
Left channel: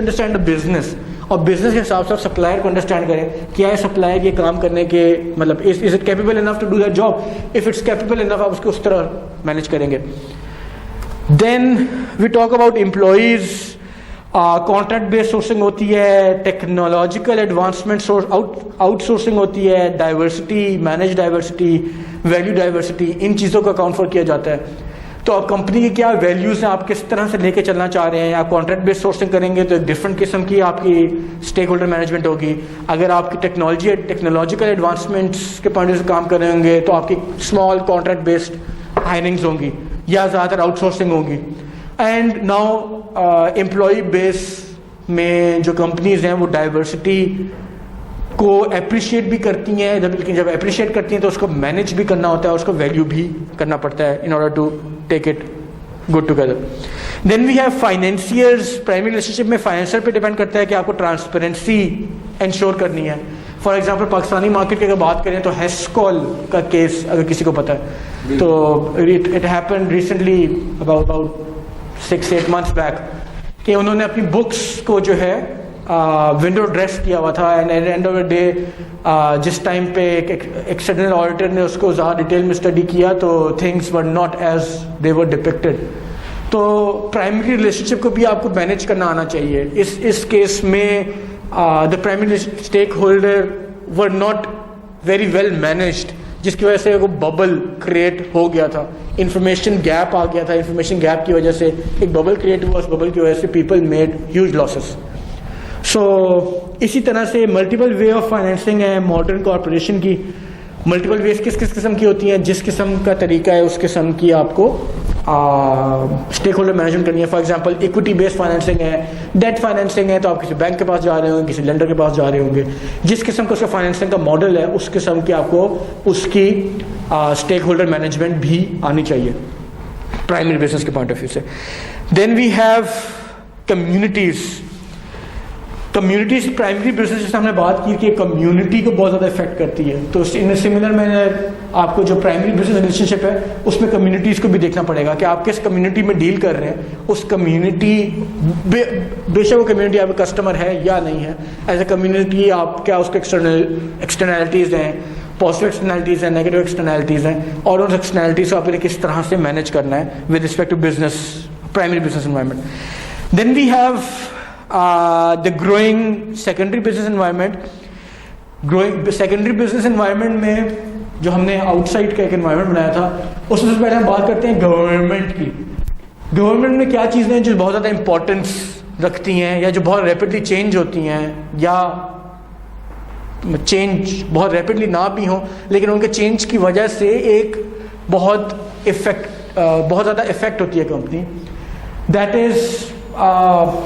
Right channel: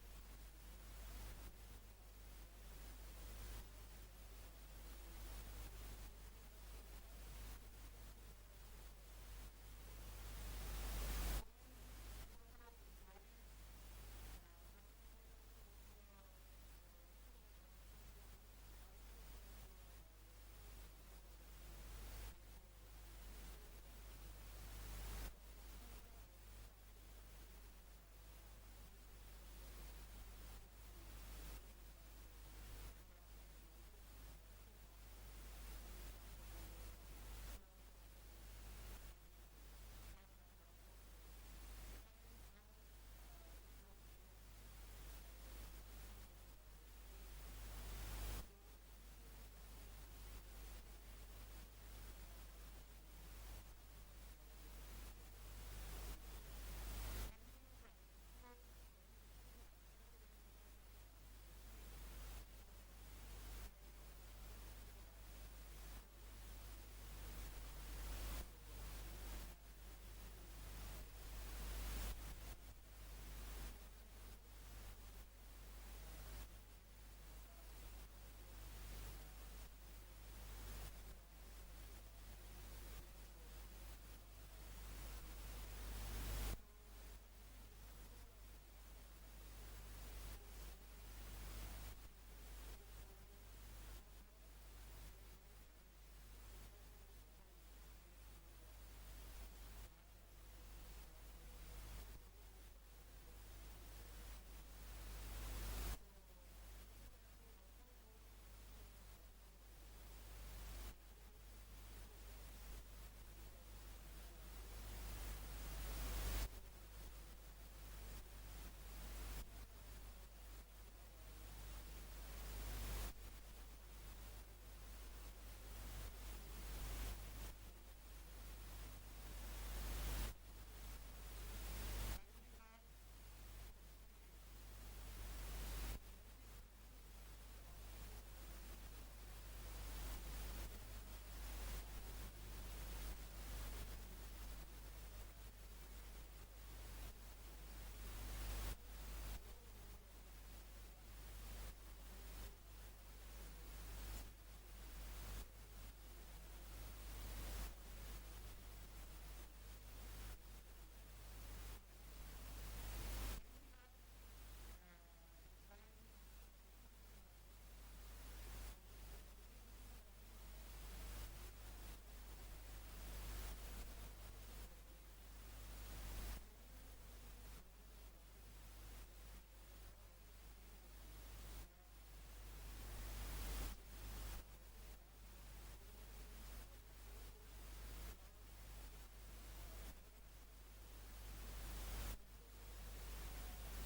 understand the business, और बिजनेस के हिसाब से आप सप्लायर को अंडरस्टैंड करें, क्या है सप्लायर ये काम करने के, मतलब is it capable enough to do that job. If it's capable enough आप उसको उस तरह मैनेज करेंगे। Then we talk about employees, contract based sourcing होती है, टेक्नोलॉजिकल एडवांसमेंट आउटसोर्सिंग होती है, diversity, manage diversity, value diversity, इन चीज़ों का अकाउंट फॉर किया जाता है। तो आप कंपनी की क्या वैल्यूज़ हैं, आप किस तरह से लेके चलना चाह रहे हैं। आप कॉन्ट्रैक्ट बेस्ड सोर्सिंग करेंगे तो एक डिफरेंट किस्म की आपकी स्टेक होल्डर मैनेजमेंट होगी। अगर आपकी टेक्नोलॉजिकल एडवांसमेंट्स के पॉइंट से काम कर रहे होंगे तो आपकी स्मॉल कॉन्ट्रैक्ट बेस्ड हायरिंग्स होंगी या ज़्यादातर आउटसोर्सिंग होगी। एंड नाउ एम्प्लॉय बेस में जो कंपनीज़ हैं वो डाइवर्सिटी को अप्रिशिएट भी करती हैं, लेकिन जब अप्रिशिएट करती हैं तो उसको मैनेज भी करना होता है, उसको वैल्यू भी करना पड़ता है in order to take it good together. Then we have financiers. Primary relationship में फाइनेंशियर पे डिपेंड करता है कि आपको ट्रांसपेरेंसी इंश्योर करनी है। फॉर एग्जांपल पाकिस्तानी मार्केट की अगर बात करें तो हेस्कॉल का केस अगर किसी को पता है तो it happened recently about 6-8 months back कि उन्होंने अपनी बुक्स को जो है विंडो ड्रेस किया हुआ था। And and of the day जिस टाइम पे एक एक्सटर्नल ऑडिटर ने उसको ज़्यादा डिटेल में स्टडी किया तो things were not as they were depicted. तो प्राइमरी रिलेशनशिप को भी आपको मैनेज करना आना चाहिए। इस केस में the primary stakeholder were not very well managed, जिसकी वजह से वो बबल क्रिएट हो गया था, इंफॉर्मेशन गैप आ गया था। इंफॉर्मेशन गैप की वजह से एक बबल क्रिएट हुआ, उस बबल की वजह से पीपल मेड ह्यूज लॉसेस। सो इसी तरह से मल्टीपल वे ऑफ फाइनेंसिंग है मॉडर्न कॉरपोरेशन की। मल्टीपल वेज किस किस किस्म की होती हैं, जिस किस्म का तरीका है उस किस्म की आपको स्टेक होल्डर मैनेजमेंट करनी है। For example equity based financing है, डेट फाइनेंसिंग है तो आप किसी बैंक के पास जा रहे होंगे, किसी लेंडर के पास जा रहे होंगे। जिस किस्म का उसका फाइनेंसिंग का मॉडल है उस किस्म की आपको उसकी स्टेक होल्डर मैनेजमेंट भी आनी चाहिए प्राइमरी बिजनेस के पॉइंट ऑफ व्यू से। Then we have communities. Communities primary business जैसे हमने बात की कि कम्युनिटी को बहुत ज़्यादा इफेक्ट करती है, तो इन सिमिलर मैंने आपको जो प्राइमरी बिजनेस रिलेशनशिप है उसमें कम्युनिटीज़ को भी देखना पड़ेगा कि आप किस कम्युनिटी में डील कर रहे हैं। उस कम्युनिटी बेशक वो कम्युनिटी आपका कस्टमर है या नहीं है, एज ए कम्युनिटी आप क्या उसके एक्सटर्नैलिटीज़ हैं, पॉजिटिव एक्सटर्नैलिटीज़ हैं, नेगेटिव एक्सटर्नैलिटीज़ हैं, और उन एक्सटर्नैलिटीज़ को आपने किस तरह से मैनेज करना है with respect to business primary business environment. Then we have the growing secondary business environment। growing secondary business environment में जो हमने आउटसाइड का एक environment बनाया था उसमें सबसे पहले हम बात करते हैं गवर्नमेंट की। गवर्नमेंट में क्या चीज़ें हैं जो बहुत ज़्यादा इंपॉर्टेंस रखती हैं या जो बहुत रैपिडली चेंज होती हैं या चेंज बहुत रैपिडली ना भी हो, लेकिन उनके चेंज की वजह से एक बहुत ज़्यादा इफेक्ट होती है कंपनी। दैट इज़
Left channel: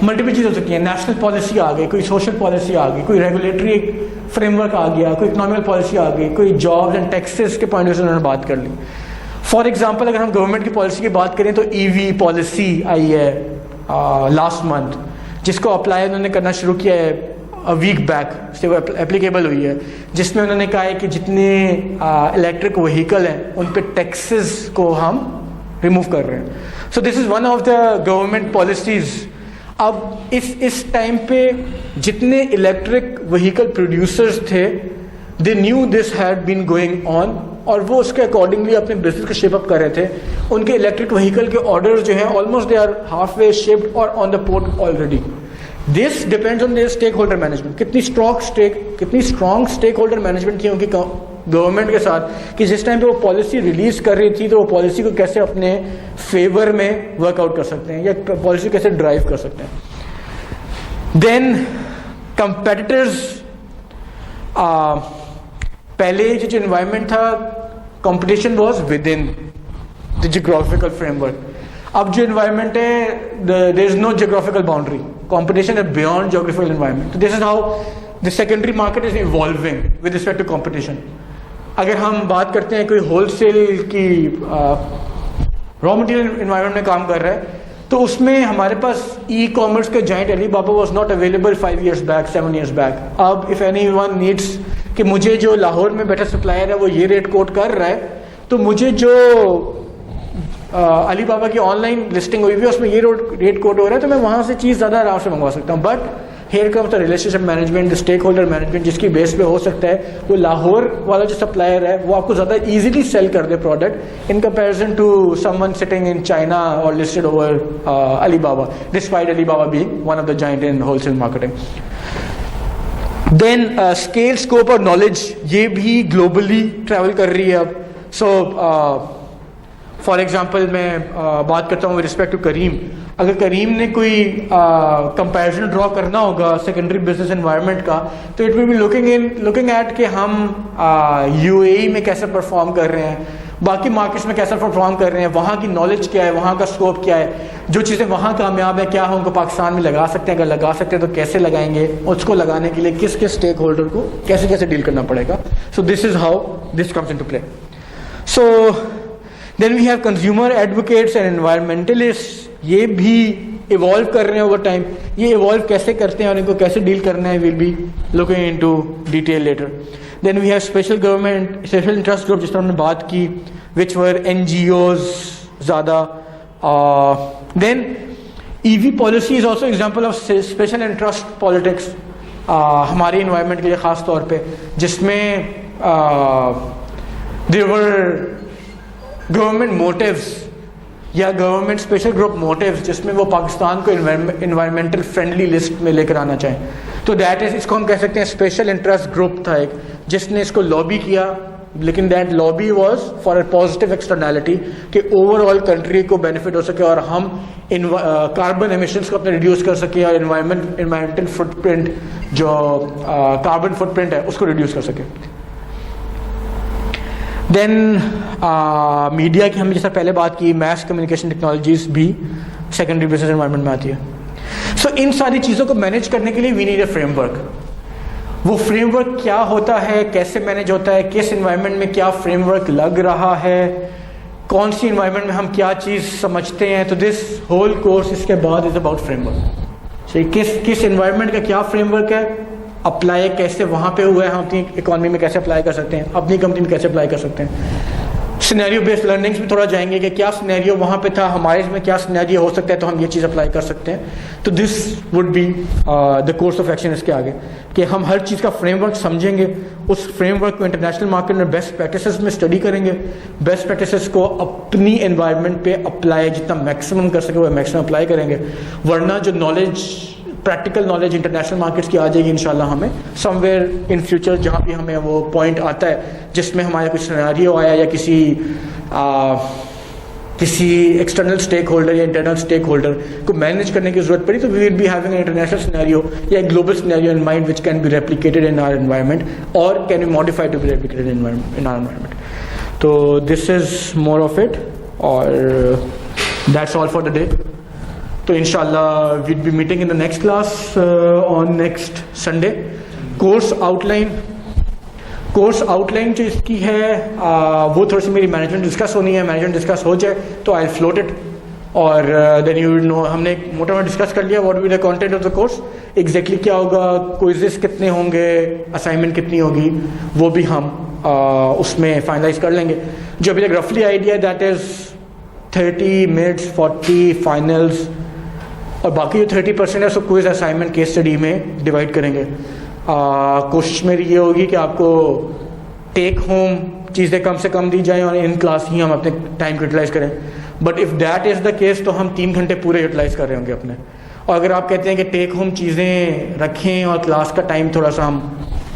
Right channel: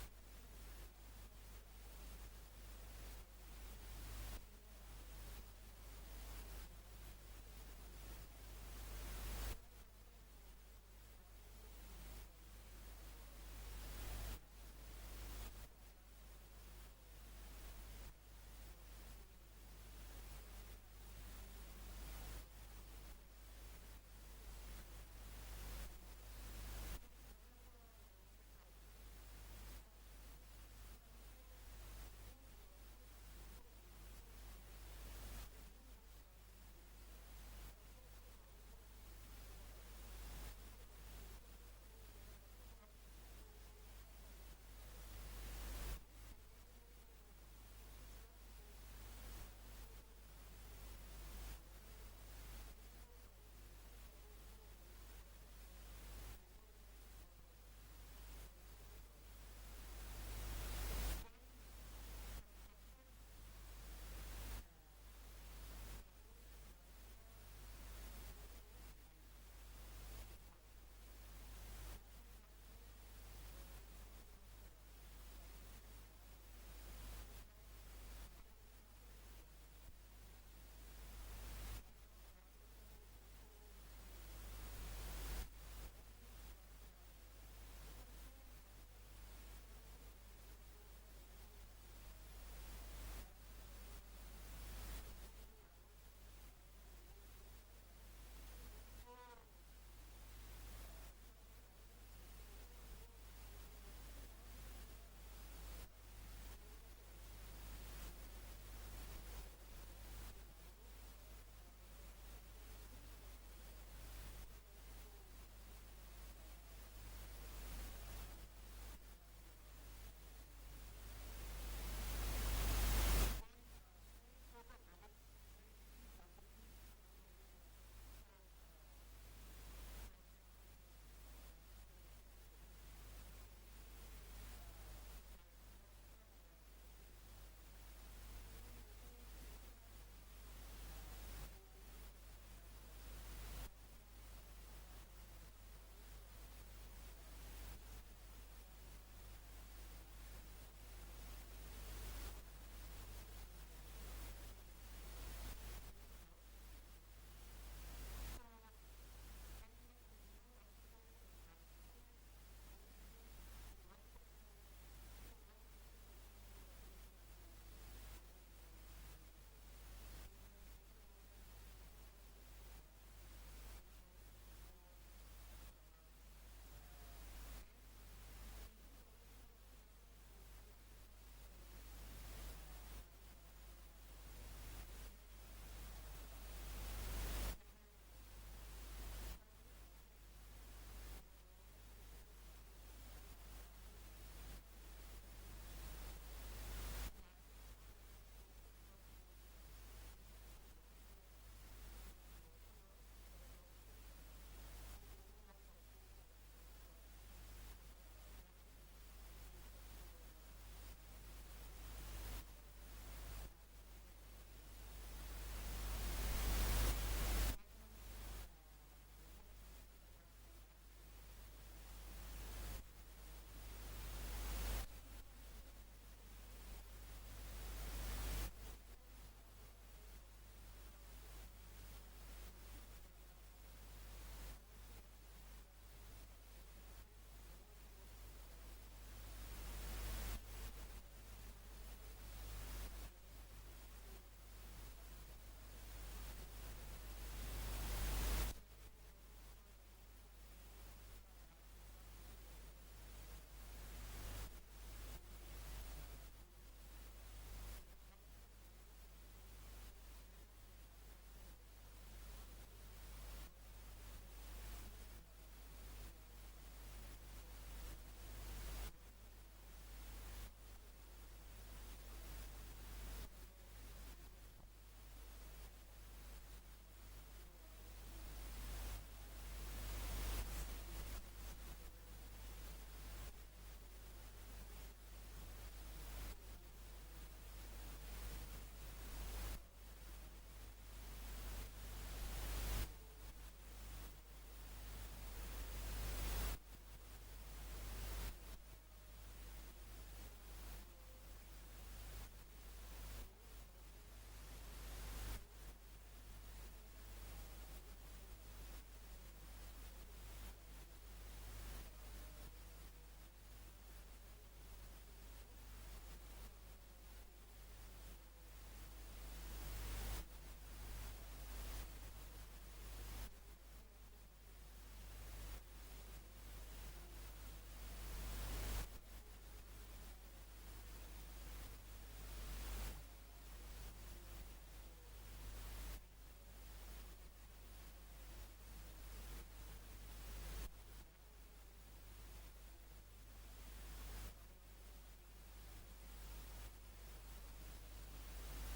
मल्टीपल चीज़ हो सकती है। नेशनल पॉलिसी आ गई, कोई सोशल पॉलिसी आ गई, कोई रेगुलेटरी फ्रेमवर्क आ गया, कोई इकोनॉमिकल पॉलिसी आ गई, कोई जॉब्स एंड टैक्सेस के पॉइंट से उन्होंने बात कर ली। फॉर एग्जांपल अगर हम गवर्नमेंट की पॉलिसी की बात करें तो ईवी पॉलिसी आई है लास्ट मंथ, जिसको अप्लाई उन्होंने करना शुरू किया है वीक बैक से वो एप्लीकेबल हुई है, जिसमें उन्होंने कहा है कि जितने इलेक्ट्रिक व्हीकल हैं उन पे टैक्सेस को हम रिमूव कर रहे हैं। So this is one of the government policies. अब इस टाइम पे जितने इलेक्ट्रिक व्हीकल प्रोड्यूसर्स थे, they knew this had been going on, और वो उसके अकॉर्डिंगली अपने बिजनेस को शेप अप कर रहे थे। उनके इलेक्ट्रिक व्हीकल के ऑर्डर्स जो हैं almost they are half way shipped और on the port already. This depends on their stakeholder management, कितनी स्ट्रॉन्ग स्टेक होल्डर मैनेजमेंट थी उनकी गवर्नमेंट के साथ, कि जिस टाइम पे वो पॉलिसी रिलीज कर रही थी तो वो पॉलिसी को कैसे अपने फेवर में वर्कआउट कर सकते हैं या पॉलिसी को कैसे ड्राइव कर सकते हैं। देन कंपेटिटर्स, पहले जो एनवायरनमेंट था competition was within the geographical framework. अब जो एनवायरनमेंट है there is no geographical boundary, competition है बियॉन्ड जियोग्राफिकल एनवायरनमेंट। तो this is how the secondary market is evolving with respect to competition. अगर हम बात करते हैं कोई होलसेल की रॉ मटेरियल एनवायरनमेंट में काम कर रहा है, तो उसमें हमारे पास ई कॉमर्स का giant Alibaba was not available 5 years back, 7 years back. अब इफ एनीवन नीड्स कि मुझे जो लाहौर में बैठा सप्लायर है वो ये रेट कोट कर रहा है, तो मुझे जो अलीबाबा की ऑनलाइन लिस्टिंग हुई हुई है उसमें ये रेट कोड हो रहा है, तो मैं वहाँ से चीज़ ज़्यादा आराम से मंगवा सकता हूँ। But here comes the relationship management, the stakeholder management, जिसकी बेस पे हो सकता है वो लाहौर वाला जो सप्लायर है वो आपको ज़्यादा ईजिली सेल कर दे product in comparison to someone sitting in China और listed over Alibaba, despite Alibaba being one of the giant in wholesale marketing. Then scale, scope और नॉलेज, ये भी ग्लोबली ट्रैवल कर रही है अब। सो फॉर एग्जाम्पल मैं बात करता हूँ विद रिस्पेक्ट टू करीम। अगर करीम ने कोई कंपैरिजन ड्रॉ करना होगा सेकेंडरी बिजनेस एनवायरनमेंट का, तो it will be looking at कि हम यूएई में कैसे परफॉर्म कर रहे हैं, बाकी मार्केट्स में कैसे परफॉर्म कर रहे हैं, वहाँ की नॉलेज क्या है, वहाँ का स्कोप क्या है, जो चीज़ें वहाँ कामयाब है क्या हम उनको पाकिस्तान में लगा सकते हैं, अगर लगा सकते हैं तो कैसे लगाएंगे, उसको लगाने के लिए किस किस स्टेक होल्डर को कैसे कैसे डील करना पड़ेगा। So this is how this comes into play. So then we have consumer advocates and environmentalist, ये भी इवॉल्व कर रहे हैं ओवर टाइम। ये इवॉल्व कैसे करते हैं और इनको कैसे डील करना है, will be looking into detail later. Then we have special government, special interest group जिस पर हमने बात की, विच वर NGOs ज़्यादा। Then EV policy is also example of special interest politics हमारे इन्वायरमेंट के लिए ख़ास तौर पे, जिसमें देयर वर गवर्नमेंट मोटिव्स या गवर्नमेंट स्पेशल ग्रुप मोटिव्स, जिसमें वो पाकिस्तान को इन्वायरमेंटल फ्रेंडली लिस्ट में लेकर आना चाहें। तो दैट इज, इसको हम कह सकते हैं स्पेशल इंटरेस्ट ग्रुप था एक, जिसने इसको लॉबी किया, लेकिन that lobby was for a positive externality कि ओवरऑल कंट्री को बेनिफिट हो सके और हम कार्बन एमिशंस को अपने रिड्यूस कर सके और इन्वायरमेंटल फुटप्रिंट जो कार्बन फुटप्रिंट है उसको रिड्यूस कर सके। देन मीडिया की हमने जैसा पहले बात की, मैस कम्युनिकेशन टेक्नोलॉजीज भी सेकेंडरी बिजनेस एनवायरनमेंट में आती है। सो इन सारी चीज़ों को मैनेज करने के लिए वी नीड अ फ्रेमवर्क। वो फ्रेमवर्क क्या होता है, कैसे मैनेज होता है, किस एनवायरनमेंट में क्या फ्रेमवर्क लग रहा है, कौन सी एनवायरनमेंट में हम क्या चीज़ समझते हैं, तो दिस होल कोर्स इसके बाद इज अबाउट फ्रेमवर्क। सो किस एनवायरनमेंट का क्या फ्रेमवर्क है, अप्लाई कैसे वहाँ पे हुआ है, हम अपनी इकॉनमी में कैसे अप्लाई कर सकते हैं, अपनी कंपनी में कैसे अप्लाई कर सकते हैं। सिनेरियो बेस्ड लर्निंग्स में थोड़ा जाएंगे कि क्या सिनेरियो वहाँ पे था, हमारे इसमें क्या सिनेरियो हो सकता है, तो हम ये चीज़ अप्लाई कर सकते हैं। तो this would be the course of action इसके आगे, कि हम हर चीज़ का फ्रेमवर्क समझेंगे, उस फ्रेमवर्क को इंटरनेशनल मार्केट में बेस्ट प्रैक्टिसेस में स्टडी करेंगे, बेस्ट प्रैक्टिसेस को अपनी एनवायरनमेंट पे अप्लाई जितना मैक्सिमम कर सके वो मैक्सिमम अप्लाई करेंगे। वरना जो knowledge, practical knowledge international markets की आ जाएगी इंशाल्लाह हमें समवेयर इन फ्यूचर, जहाँ भी हमें वो पॉइंट आता है जिसमें हमारा कुछ सिनेरियो आया या किसी किसी एक्सटर्नल स्टेक होल्डर या इंटरनल स्टेक होल्डर को मैनेज करने की जरूरत पड़ी तो we will be having an international scenario या global scenario in mind which can be replicated in our environment और can be modified to be replicated in our environment. तो this is more of it और that's all for the day. तो इंशाल्लाह we'll be meeting in the next class on next Sunday. Course outline जो इसकी है वो थोड़ी सी मेरी मैनेजमेंट डिस्कस होनी है. मैनेजमेंट डिस्कस हो जाए तो आई फ्लोट इट और देन यू विल नो. हमने मोटा मोटा डिस्कस कर लिया what will the content of the course, exactly क्या होगा, क्विज़ेस कितने होंगे, असाइनमेंट कितनी होगी, वो भी हम उसमें फाइनलाइज कर लेंगे. जो अभी तक रफली idea that is 30 minutes 40 finals और बाकी जो 30% है उसको क्विज असाइनमेंट केस स्टडी में डिवाइड करेंगे. कोशिश मेरी ये होगी कि आपको टेक होम चीज़ें कम से कम दी जाएं और इन क्लास ही हम अपने टाइम को यूटिलाइज़ करें. But if that is the case तो हम 3 घंटे पूरे यूटिलाइज़ कर रहे होंगे अपने. और अगर आप कहते हैं कि टेक होम चीज़ें रखें और क्लास का टाइम थोड़ा सा हम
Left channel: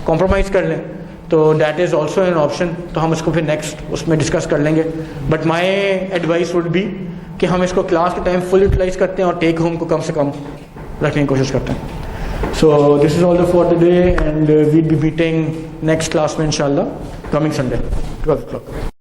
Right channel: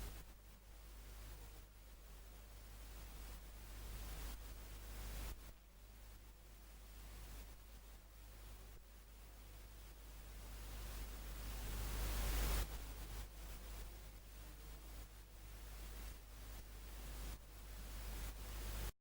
कॉम्प्रोमाइज़ कर लें तो that is also an option. तो हम उसको फिर नेक्स्ट उसमें डिस्कस कर लेंगे. But my advice would be कि हम इसको क्लास के टाइम फुल यूटिलाइज़ करते हैं और टेक होम को कम से कम रखने की कोशिश करते हैं. So this is all for today and we'll be meeting next class में inshallah coming Sunday 12 o'clock.